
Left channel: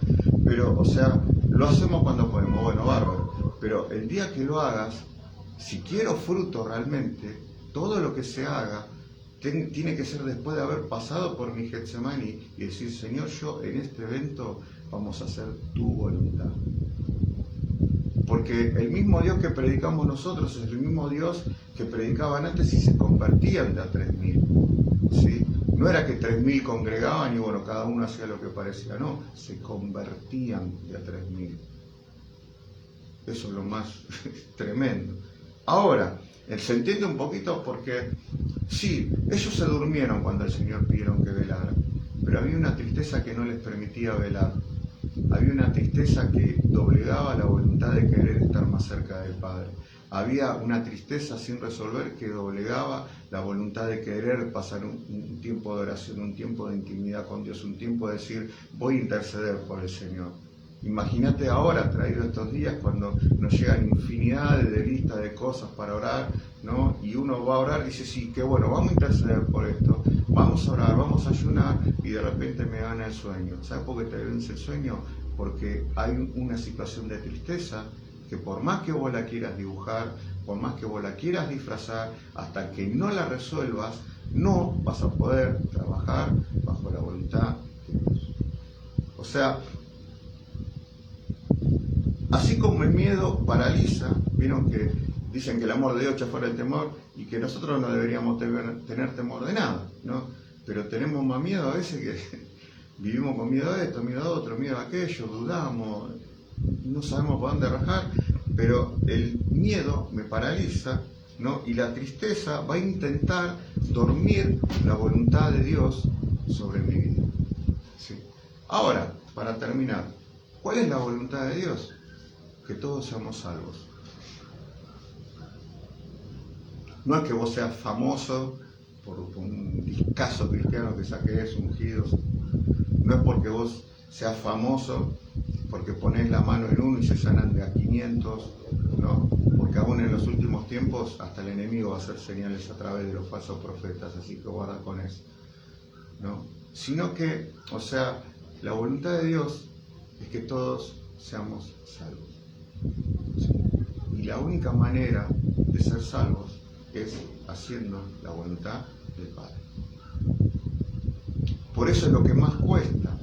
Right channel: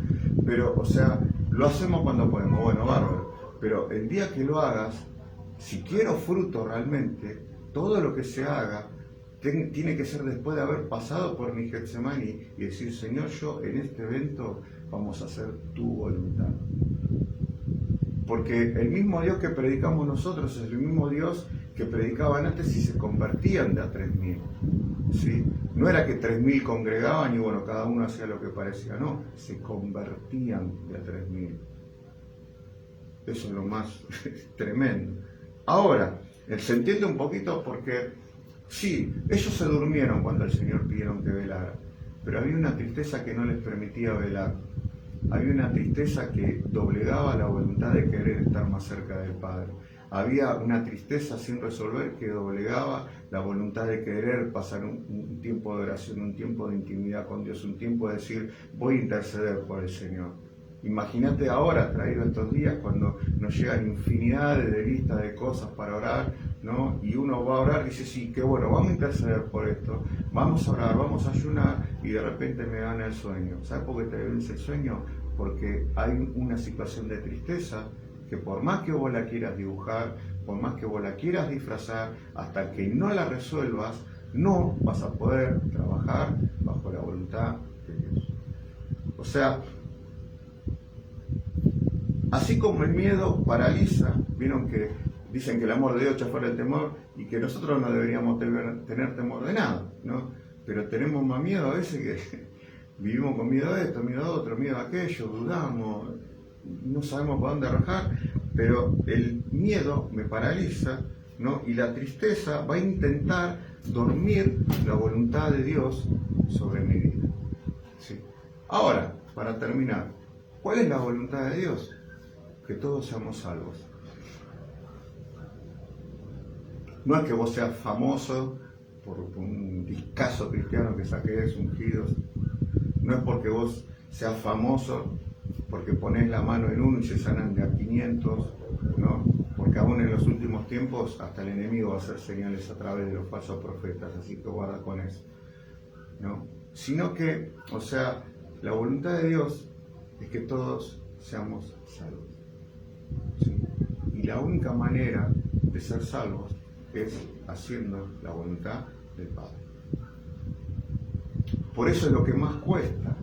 Pero, o sea, lo hacemos cuando podemos, bueno, bárbaro. Pero el día que lo hagas, si quiero fruto realmente, todo lo que se haga tiene que ser después de haber pasado por mi Getsemaní y decir: Señor, yo en este evento vamos a hacer tu voluntad. Porque el mismo Dios que predicamos nosotros es el mismo Dios que predicaban antes y se convertían de a 3.000. ¿Sí? No era que 3.000 congregaban y bueno, cada uno hacía lo que parecía, no, se convertían de a 3.000. Eso es lo más tremendo. Ahora, se entiende un poquito porque, sí, ellos se durmieron cuando el Señor pidieron que velaran, pero había una tristeza que no les permitía velar. Había una tristeza que doblegaba la voluntad de querer estar más cerca del Padre. Había una tristeza sin resolver que doblegaba la voluntad de querer pasar un tiempo de oración, un tiempo de intimidad con Dios, un tiempo de decir: voy a interceder por el Señor. Imagínate ahora, traído estos días, cuando nos llegan infinidades de listas de cosas para orar, ¿no? Y uno va a orar y dice: sí, qué bueno, vamos a interceder por esto, vamos a orar, vamos a ayunar, y de repente me gana el sueño. ¿Sabes por qué te vence el sueño? Porque hay una situación de tristeza que por más que vos la quieras dibujar, por más que vos la quieras disfrazar, hasta que no la resuelvas, no vas a poder trabajar bajo la voluntad de Dios. O O sea, así como el miedo paraliza, vieron que dicen que el amor de Dios echa fuera el temor y que nosotros no deberíamos tener temor de nada, ¿no? Pero tenemos más miedo a veces que vivimos con miedo a esto, miedo a otro, miedo a aquello, dudamos, no sabemos por dónde rajar, pero el miedo me paraliza, ¿no? Y la tristeza va a intentar dormir la voluntad de Dios sobre mi vida. ¿Sí? Ahora, para terminar, ¿cuál es la voluntad de Dios? Que todos seamos salvos. No es que vos seas famoso por un discazo cristiano que saques ungidos. No es porque vos seas famoso porque ponés la mano en uno y se sanan de a 500, ¿no? Porque aún en los últimos tiempos hasta el enemigo va a hacer señales a través de los falsos profetas, así que guarda con eso, ¿no? Sino que, o sea, la voluntad de Dios es que todos seamos salvos. ¿Sí? Y la única manera de ser salvos es haciendo la voluntad del Padre. Por eso es lo que más cuesta.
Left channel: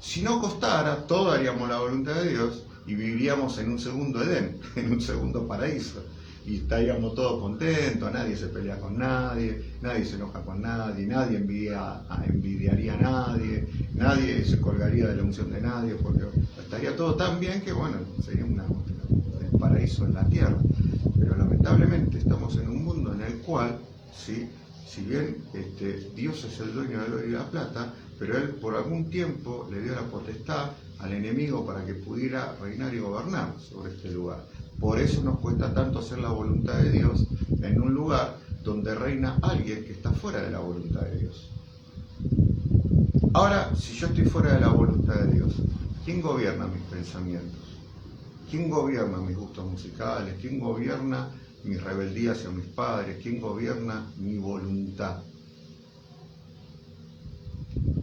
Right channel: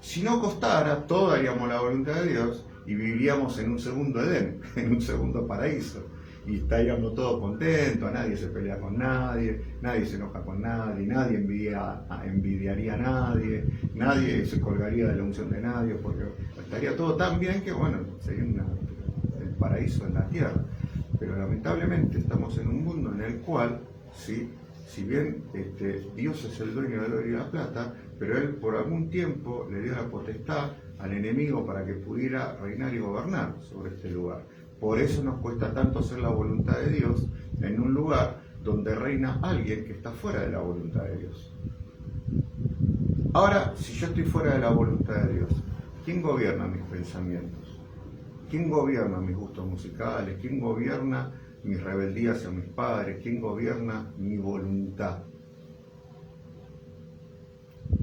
Si no costara, todos haríamos la voluntad de Dios y viviríamos en un segundo Edén, en un segundo paraíso. Y estaríamos todos contentos, nadie se pelea con nadie, nadie se enoja con nadie, nadie envidiaría a nadie, nadie se colgaría de la unción de nadie, porque estaría todo tan bien que, bueno, sería el paraíso en la tierra. Pero lamentablemente estamos en un mundo en el cual, ¿sí? Si bien Dios es el dueño del oro y la plata, pero Él por algún tiempo le dio la potestad al enemigo para que pudiera reinar y gobernar sobre este lugar. Por eso nos cuesta tanto hacer la voluntad de Dios en un lugar donde reina alguien que está fuera de la voluntad de Dios. Ahora, si yo estoy fuera de la voluntad de Dios, ¿quién gobierna mis pensamientos? ¿Quién gobierna mis gustos musicales? ¿Quién gobierna mis rebeldías hacia mis padres? ¿Quién gobierna mi voluntad?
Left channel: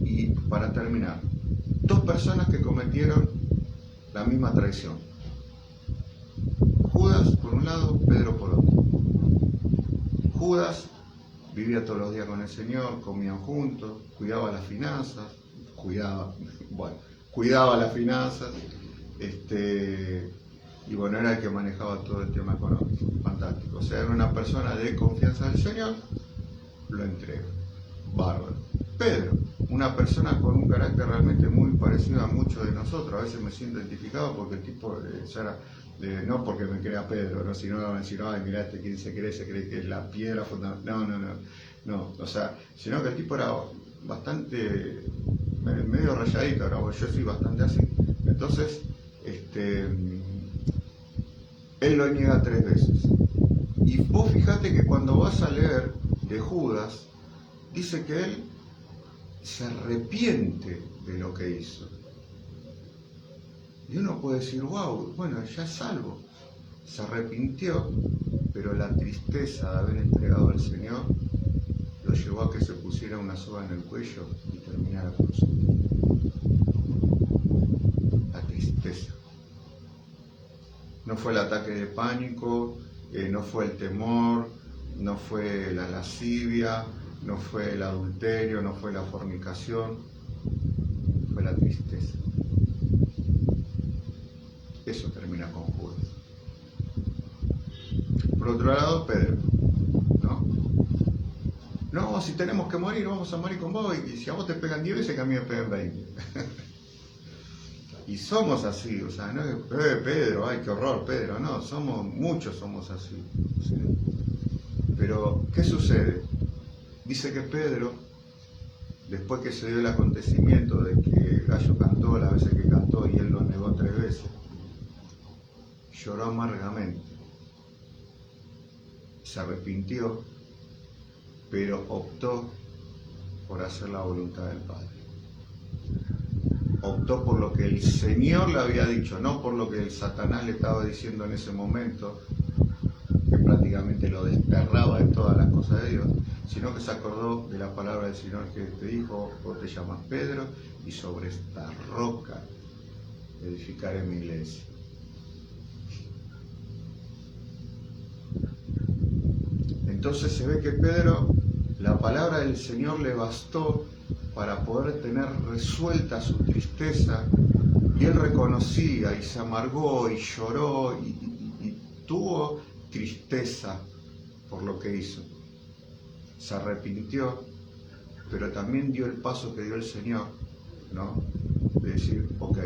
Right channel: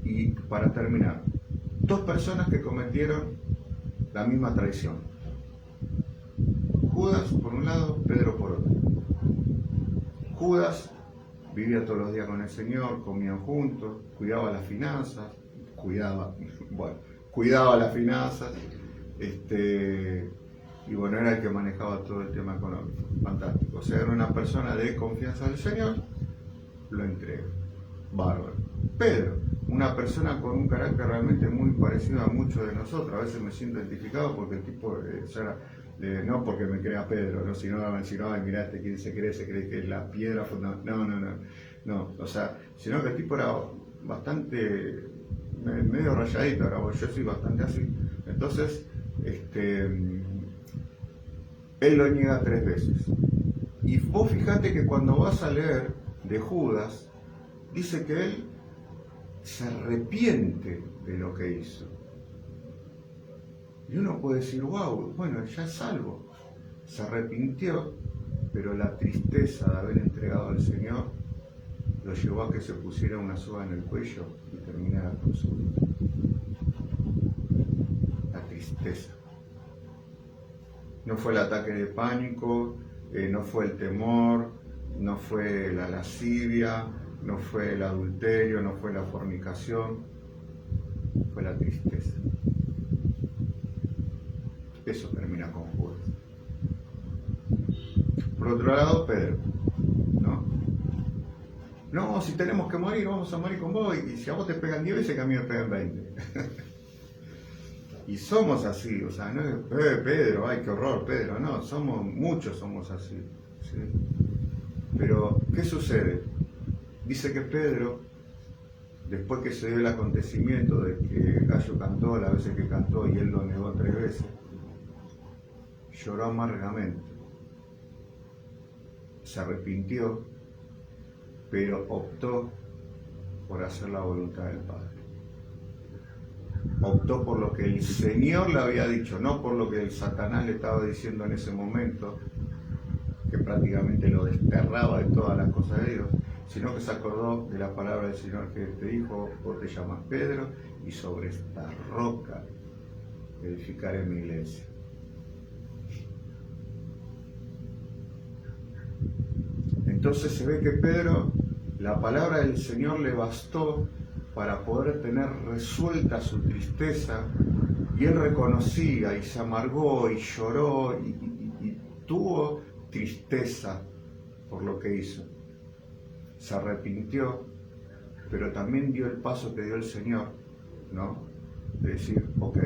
Y para terminar, dos personas que cometieron la misma traición. Judas por un lado, Pedro por otro. Judas vivía todos los días con el Señor, comían juntos, cuidaba las finanzas, cuidaba las finanzas, y bueno, era el que manejaba todo el tema económico, fantástico. O sea, era una persona de confianza del Señor, lo entrega, bárbaro. Pedro, una persona con un carácter realmente muy parecido a muchos de nosotros, a veces me siento identificado porque el tipo, no porque me crea Pedro, ¿no? Sino van a decir, ay, mirá, ¿quién se cree que es la piedra fundamental? No, o sea, sino que el tipo era bastante, medio rayadito, ahora yo soy bastante así. Entonces, él lo niega 3 veces. Y vos fijate que cuando vas a leer de Judas, dice que él se arrepiente de lo que hizo. Y uno puede decir, wow, bueno, ya es salvo. Se arrepintió, pero la tristeza de haber entregado al Señor lo llevó a que se pusiera una soga en el cuello y terminara con su vida. La tristeza. No fue el ataque de pánico, no fue el temor, no fue la lascivia, no fue el adulterio, no fue la fornicación, fue la tristeza. Eso termina con Judas. Por otro lado, Pedro, ¿no? No, si tenemos que morir, vamos a morir con vos, y si a vos te pegan 10 veces, que a mí me pegan 20. Y somos así, o sea, no es, Pedro, ay, qué horror, Pedro, no, muchos somos así, ¿sí? Pero, ¿qué sucede? Dice que Pedro, después que se dio el acontecimiento de que el gallo cantó las veces que cantó y él lo negó 3 veces, lloró amargamente, se arrepintió, pero optó por hacer la voluntad del Padre. Optó por lo que el Señor le había dicho, no por lo que el Satanás le estaba diciendo en ese momento, que prácticamente lo desterraba de todas las cosas de Dios, sino que se acordó de la palabra del Señor que te dijo, vos te llamas Pedro, y sobre esta roca edificaré mi iglesia. Entonces se ve que Pedro, la palabra del Señor le bastó para poder tener resuelta su tristeza, y él reconocía y se amargó y lloró y tuvo tristeza por lo que hizo. Se arrepintió, pero también dio el paso que dio el Señor, ¿no? De decir, ok,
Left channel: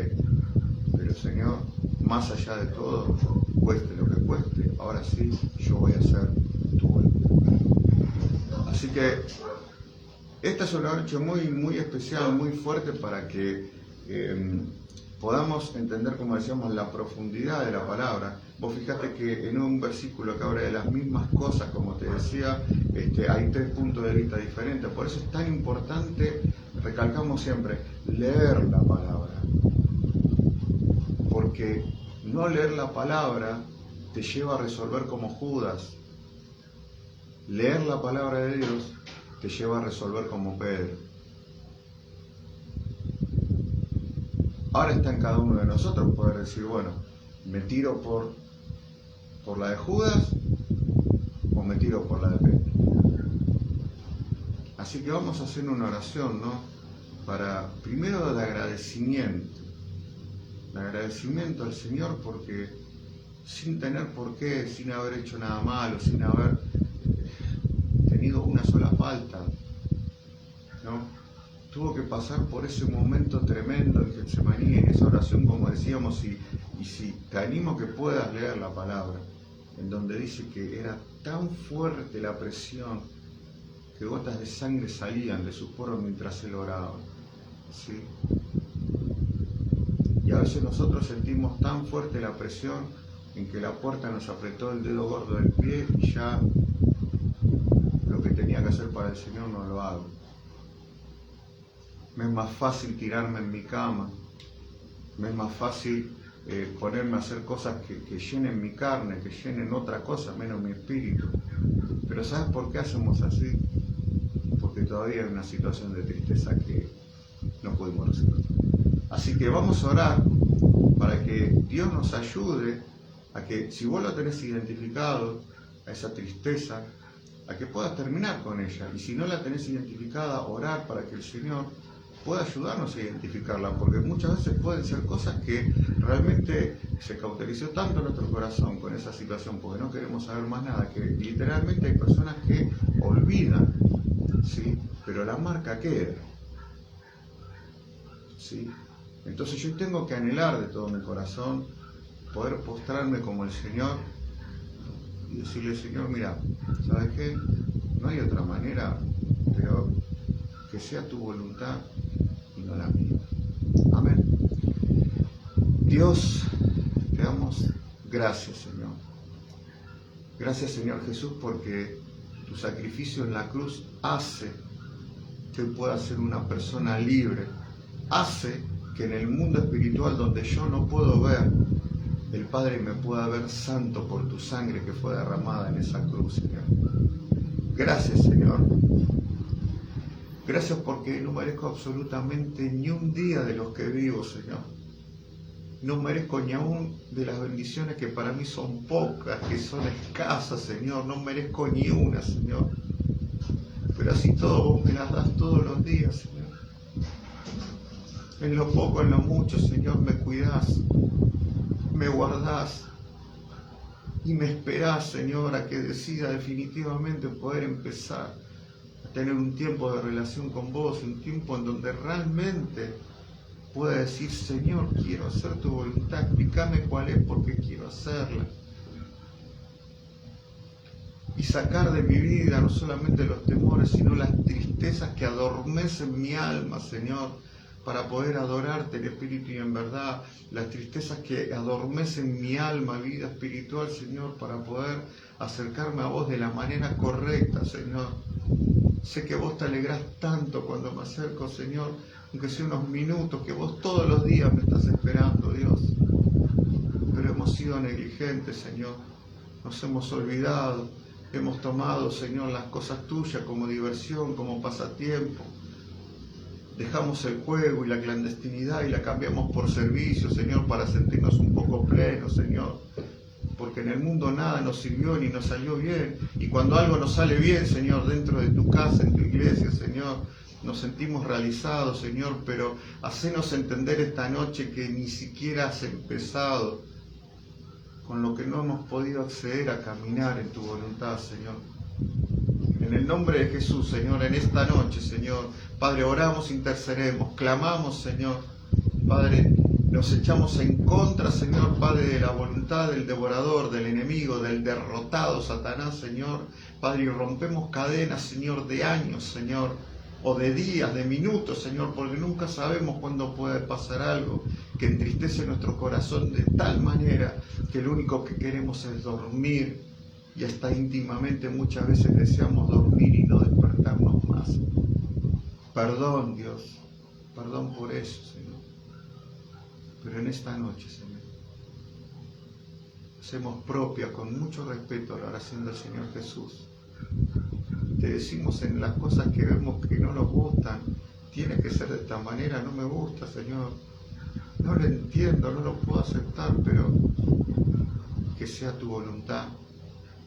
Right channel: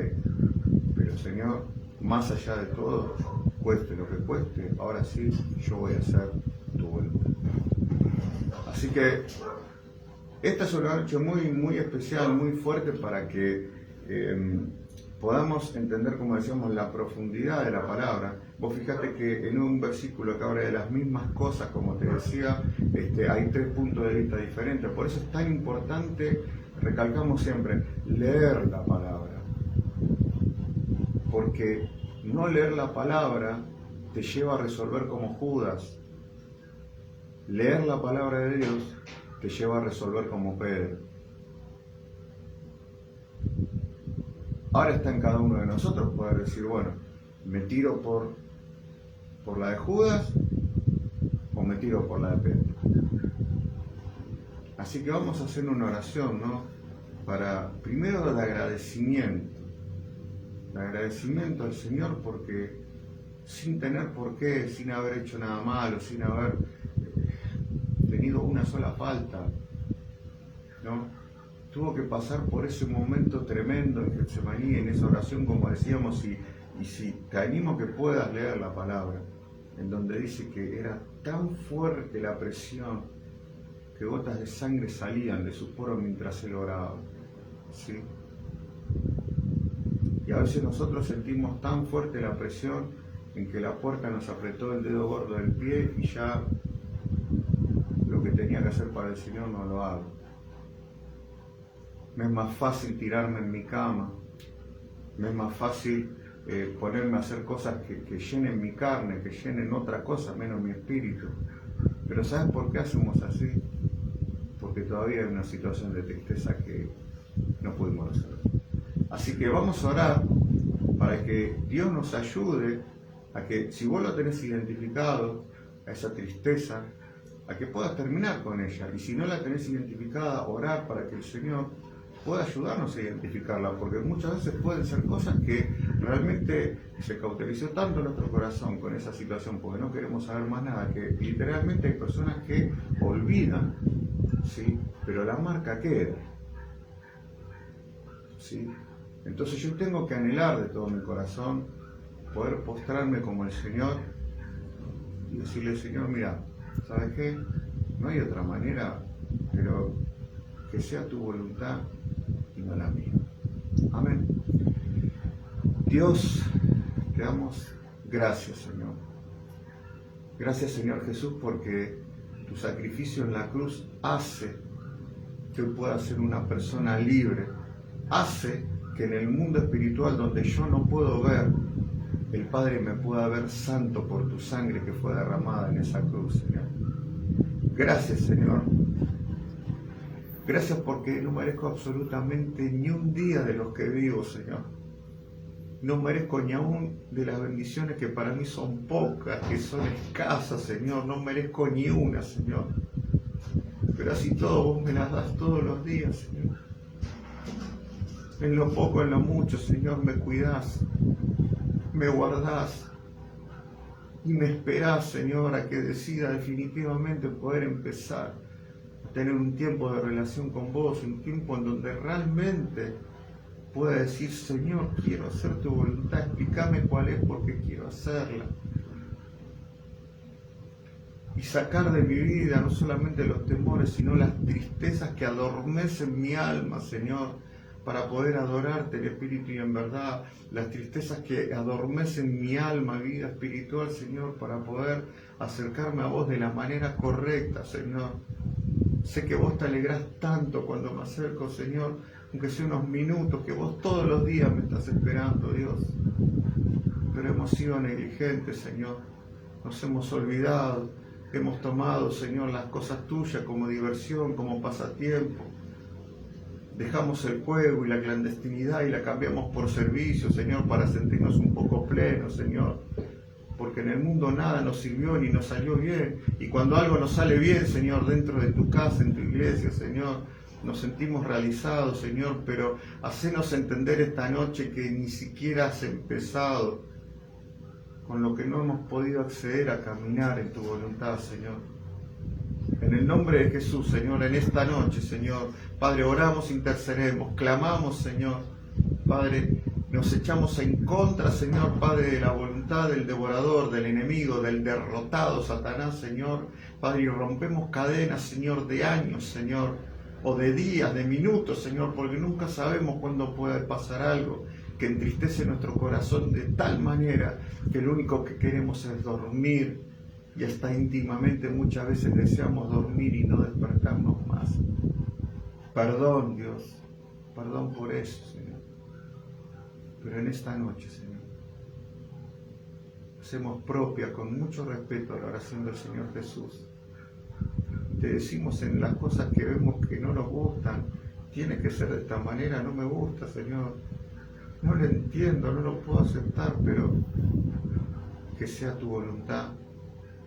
pero Señor, más allá de todo, cueste lo que cueste, ahora sí, yo voy a hacer tu voluntad. Así que esta es una noche muy, muy especial, muy fuerte para que podamos entender, como decíamos, la profundidad de la palabra. Vos fijate que en un versículo que habla de las mismas cosas, como te decía, hay 3 puntos de vista diferentes. Por eso es tan importante, recalcamos siempre, leer la palabra. Porque no leer la palabra te lleva a resolver como Judas. Leer la palabra de Dios te lleva a resolver como Pedro. Ahora está en cada uno de nosotros poder decir, bueno, ¿me tiro por la de Judas o me tiro por la de Pedro? Así que vamos a hacer una oración, ¿no? Para, primero, de agradecimiento. De agradecimiento al Señor porque sin tener por qué, sin haber hecho nada malo, sin haber tenido una sola falta, ¿no? Tuvo que pasar por ese momento tremendo en Getsemaní, en esa oración, como decíamos, y si te animo que puedas leer la palabra, en donde dice que era tan fuerte la presión que gotas de sangre salían de sus poros mientras él oraba, ¿sí? Y a veces nosotros sentimos tan fuerte la presión en que la puerta nos apretó el dedo gordo del pie y ya lo que tenía que hacer para el Señor no lo hago. Me es más fácil tirarme en mi cama, me es más fácil ponerme a hacer cosas que llenen mi carne, que llenen otra cosa, menos mi espíritu. Pero ¿sabes por qué hacemos así? Porque todavía hay una situación de tristeza que no pudimos resolver. Así que vamos a orar para que Dios nos ayude a que, si vos lo tenés identificado, a esa tristeza, a que puedas terminar con ella. Y si no la tenés identificada, orar para que el Señor pueda ayudarnos a identificarla, porque muchas veces pueden ser cosas que realmente se cauterizó tanto nuestro corazón con esa situación, porque no queremos saber más nada, que literalmente hay personas que olvidan, ¿sí? Pero la marca queda, ¿sí? Entonces yo tengo que anhelar de todo mi corazón poder postrarme como el Señor y decirle, Señor, mira, ¿sabes qué? No hay otra manera, pero que sea tu voluntad y no la mía. Amén. Dios, te damos gracias, Señor. Gracias, Señor Jesús, porque tu sacrificio en la cruz hace que hoy pueda ser una persona libre. Hace que en el mundo espiritual donde yo no puedo ver, el Padre me pueda ver santo por tu sangre que fue derramada en esa cruz, Señor. Gracias, Señor. Gracias porque no merezco absolutamente ni un día de los que vivo, Señor. No merezco ni aún de las bendiciones que para mí son pocas, que son escasas, Señor. No merezco ni una, Señor. Pero así todo vos me las das todos los días, Señor. En lo poco, en lo mucho, Señor, me cuidás, me guardás y me esperás, Señor, a que decida definitivamente poder empezar a tener un tiempo de relación con vos, un tiempo en donde realmente pueda decir, Señor, quiero hacer tu voluntad, explícame cuál es porque quiero hacerla. Y sacar de mi vida no solamente los temores, sino las tristezas que adormecen mi alma, Señor, para poder adorarte en espíritu y en verdad, las tristezas que adormecen mi alma, vida espiritual, Señor, para poder acercarme a vos de la manera correcta, Señor. Sé que vos te alegrás tanto cuando me acerco, Señor, aunque sea unos minutos, que vos todos los días me estás esperando, Dios. Pero hemos sido negligentes, Señor, nos hemos olvidado, hemos tomado, Señor, las cosas tuyas como diversión, como pasatiempo. Dejamos el juego y la clandestinidad y la cambiamos por servicio, Señor, para sentirnos un poco plenos, Señor. Porque en el mundo nada nos sirvió ni nos salió bien. Y cuando algo nos sale bien, Señor, dentro de tu casa, en tu iglesia, Señor, nos sentimos realizados, Señor, pero hacenos entender esta noche que ni siquiera has empezado con lo que no hemos podido acceder a caminar en tu voluntad, Señor. En el nombre de Jesús, Señor, en esta noche, Señor, Padre, oramos, intercedemos, clamamos, Señor, Padre, nos echamos en contra, Señor, Padre, de la voluntad del devorador, del enemigo, del derrotado Satanás, Señor, Padre, y rompemos cadenas, Señor, de años, Señor, o de días, de minutos, Señor, porque nunca sabemos cuándo puede pasar algo que entristece nuestro corazón de tal manera que lo único que queremos es dormir, y hasta íntimamente muchas veces deseamos dormir y no despertarnos más. Perdón, Dios, perdón por eso, Señor. Pero en esta noche, Señor, hacemos propia con mucho respeto la oración del Señor Jesús. Te decimos en las cosas que vemos que no nos gustan, tiene que ser de esta manera, no me gusta, Señor. No lo entiendo, no lo puedo aceptar, pero que sea tu voluntad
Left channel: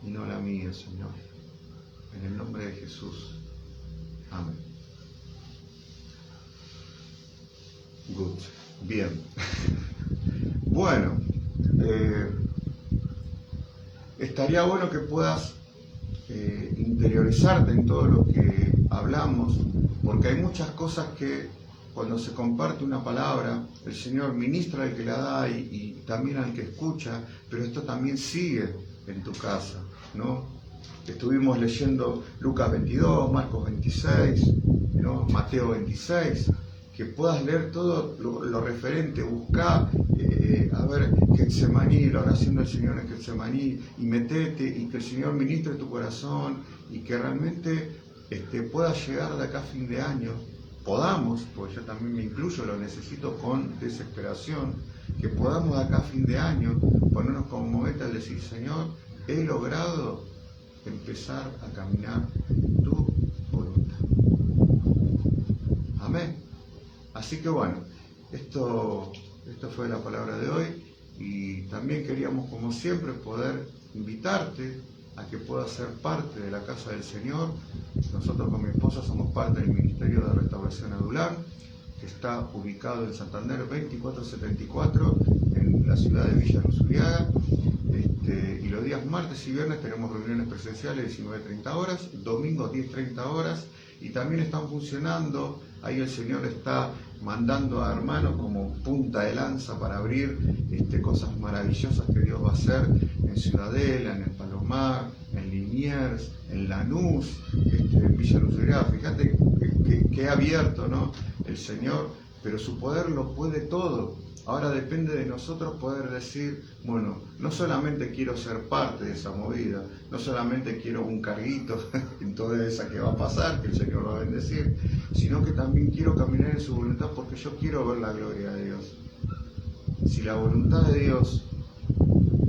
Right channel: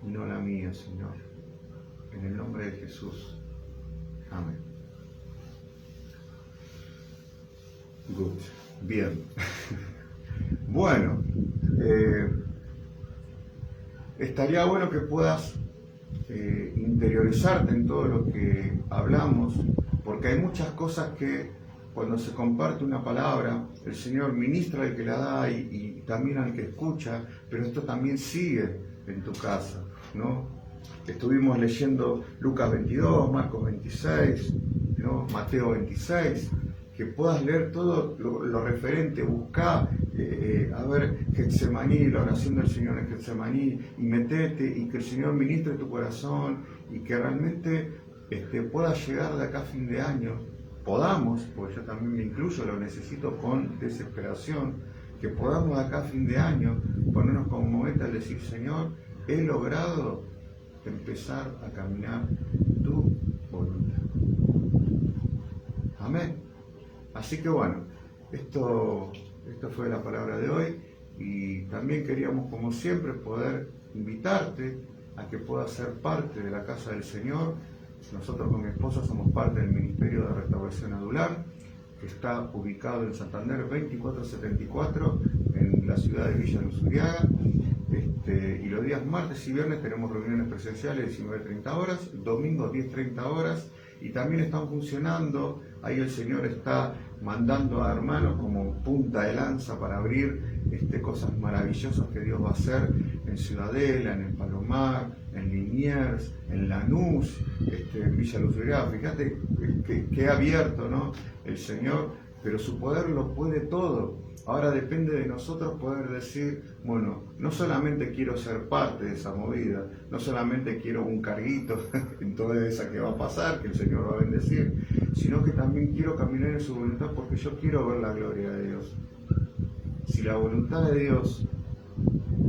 y no la mía, Señor. En el nombre de Jesús. Amén. Good. Bien. Bueno, estaría bueno que puedas interiorizarte en todo lo que hablamos, porque hay muchas cosas que cuando se comparte una palabra, el Señor ministra al que la da y también al que escucha, pero esto también sigue en tu casa, ¿no? Estuvimos leyendo Lucas 22, Marcos 26, ¿no? Mateo 26, que puedas leer todo lo referente, buscar, a ver, Getsemaní, la oración del Señor en Getsemaní, y metete, y que el Señor ministre tu corazón, y que realmente puedas llegar de acá a fin de año, podamos, porque yo también me incluyo, lo necesito con desesperación, que podamos de acá a fin de año ponernos como momento al decir, Señor, he logrado empezar a caminar tu voluntad. Amén. Así que bueno, esto fue la palabra de hoy, y también queríamos, como siempre, poder invitarte a que puedas ser parte de la casa del Señor. Nosotros con mi esposa somos parte del Ministerio de Restauración Adular, que está ubicado en Santander 2474, en la ciudad de Villa Luz Uriaga. Y los días martes y viernes tenemos reuniones presenciales 19:30 horas, domingos 10:30 horas, y también están funcionando, ahí el Señor está mandando a hermanos como punta de lanza para abrir cosas maravillosas que Dios va a hacer en Ciudadela, en el Palomar, en Liniers, en Lanús, en Villa Luz Uriaga. Fíjate que ha abierto, ¿no?, el Señor, pero su poder lo puede todo. Ahora depende de nosotros poder decir, bueno, no solamente quiero ser parte de esa movida, no solamente quiero un carguito en toda esa que va a pasar, que el Señor va a bendecir, sino que también quiero caminar en su voluntad porque yo quiero ver la gloria de Dios. Si la voluntad de Dios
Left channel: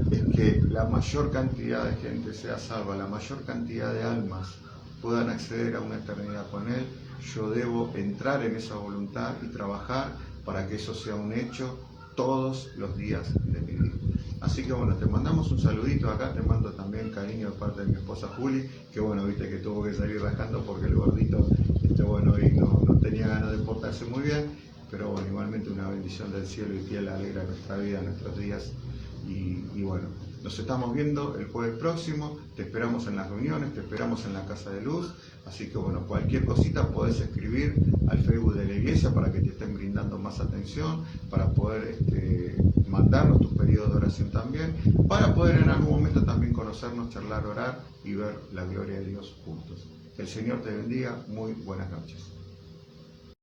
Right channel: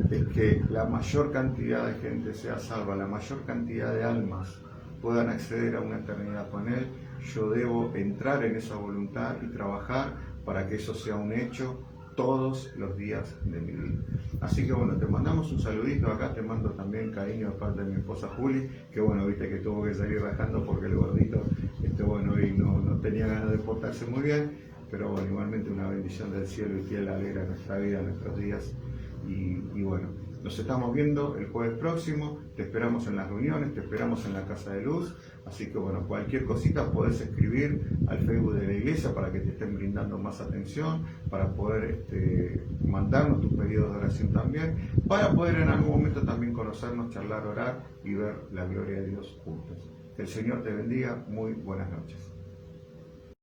es que la mayor cantidad de gente sea salva, la mayor cantidad de almas puedan acceder a una eternidad con Él, yo debo entrar en esa voluntad y trabajar para que eso sea un hecho todos los días de mi vida. Así que bueno, te mandamos un saludito acá, te mando también cariño de parte de mi esposa Juli, que bueno, viste que tuvo que salir rajando porque el gordito, bueno, hoy no tenía ganas de portarse muy bien, pero bueno, igualmente una bendición del cielo y que Él alegra nuestra vida, nuestros días, y bueno, nos estamos viendo el jueves próximo, te esperamos en las reuniones, te esperamos en la Casa de Luz, así que bueno, cualquier cosita podés escribir al Facebook de la iglesia para que te estén brindando más atención, para poder mandarnos tus pedidos de oración también, para poder en algún momento también conocernos, charlar, orar y ver la gloria de Dios juntos. Que el Señor te bendiga, muy buenas noches.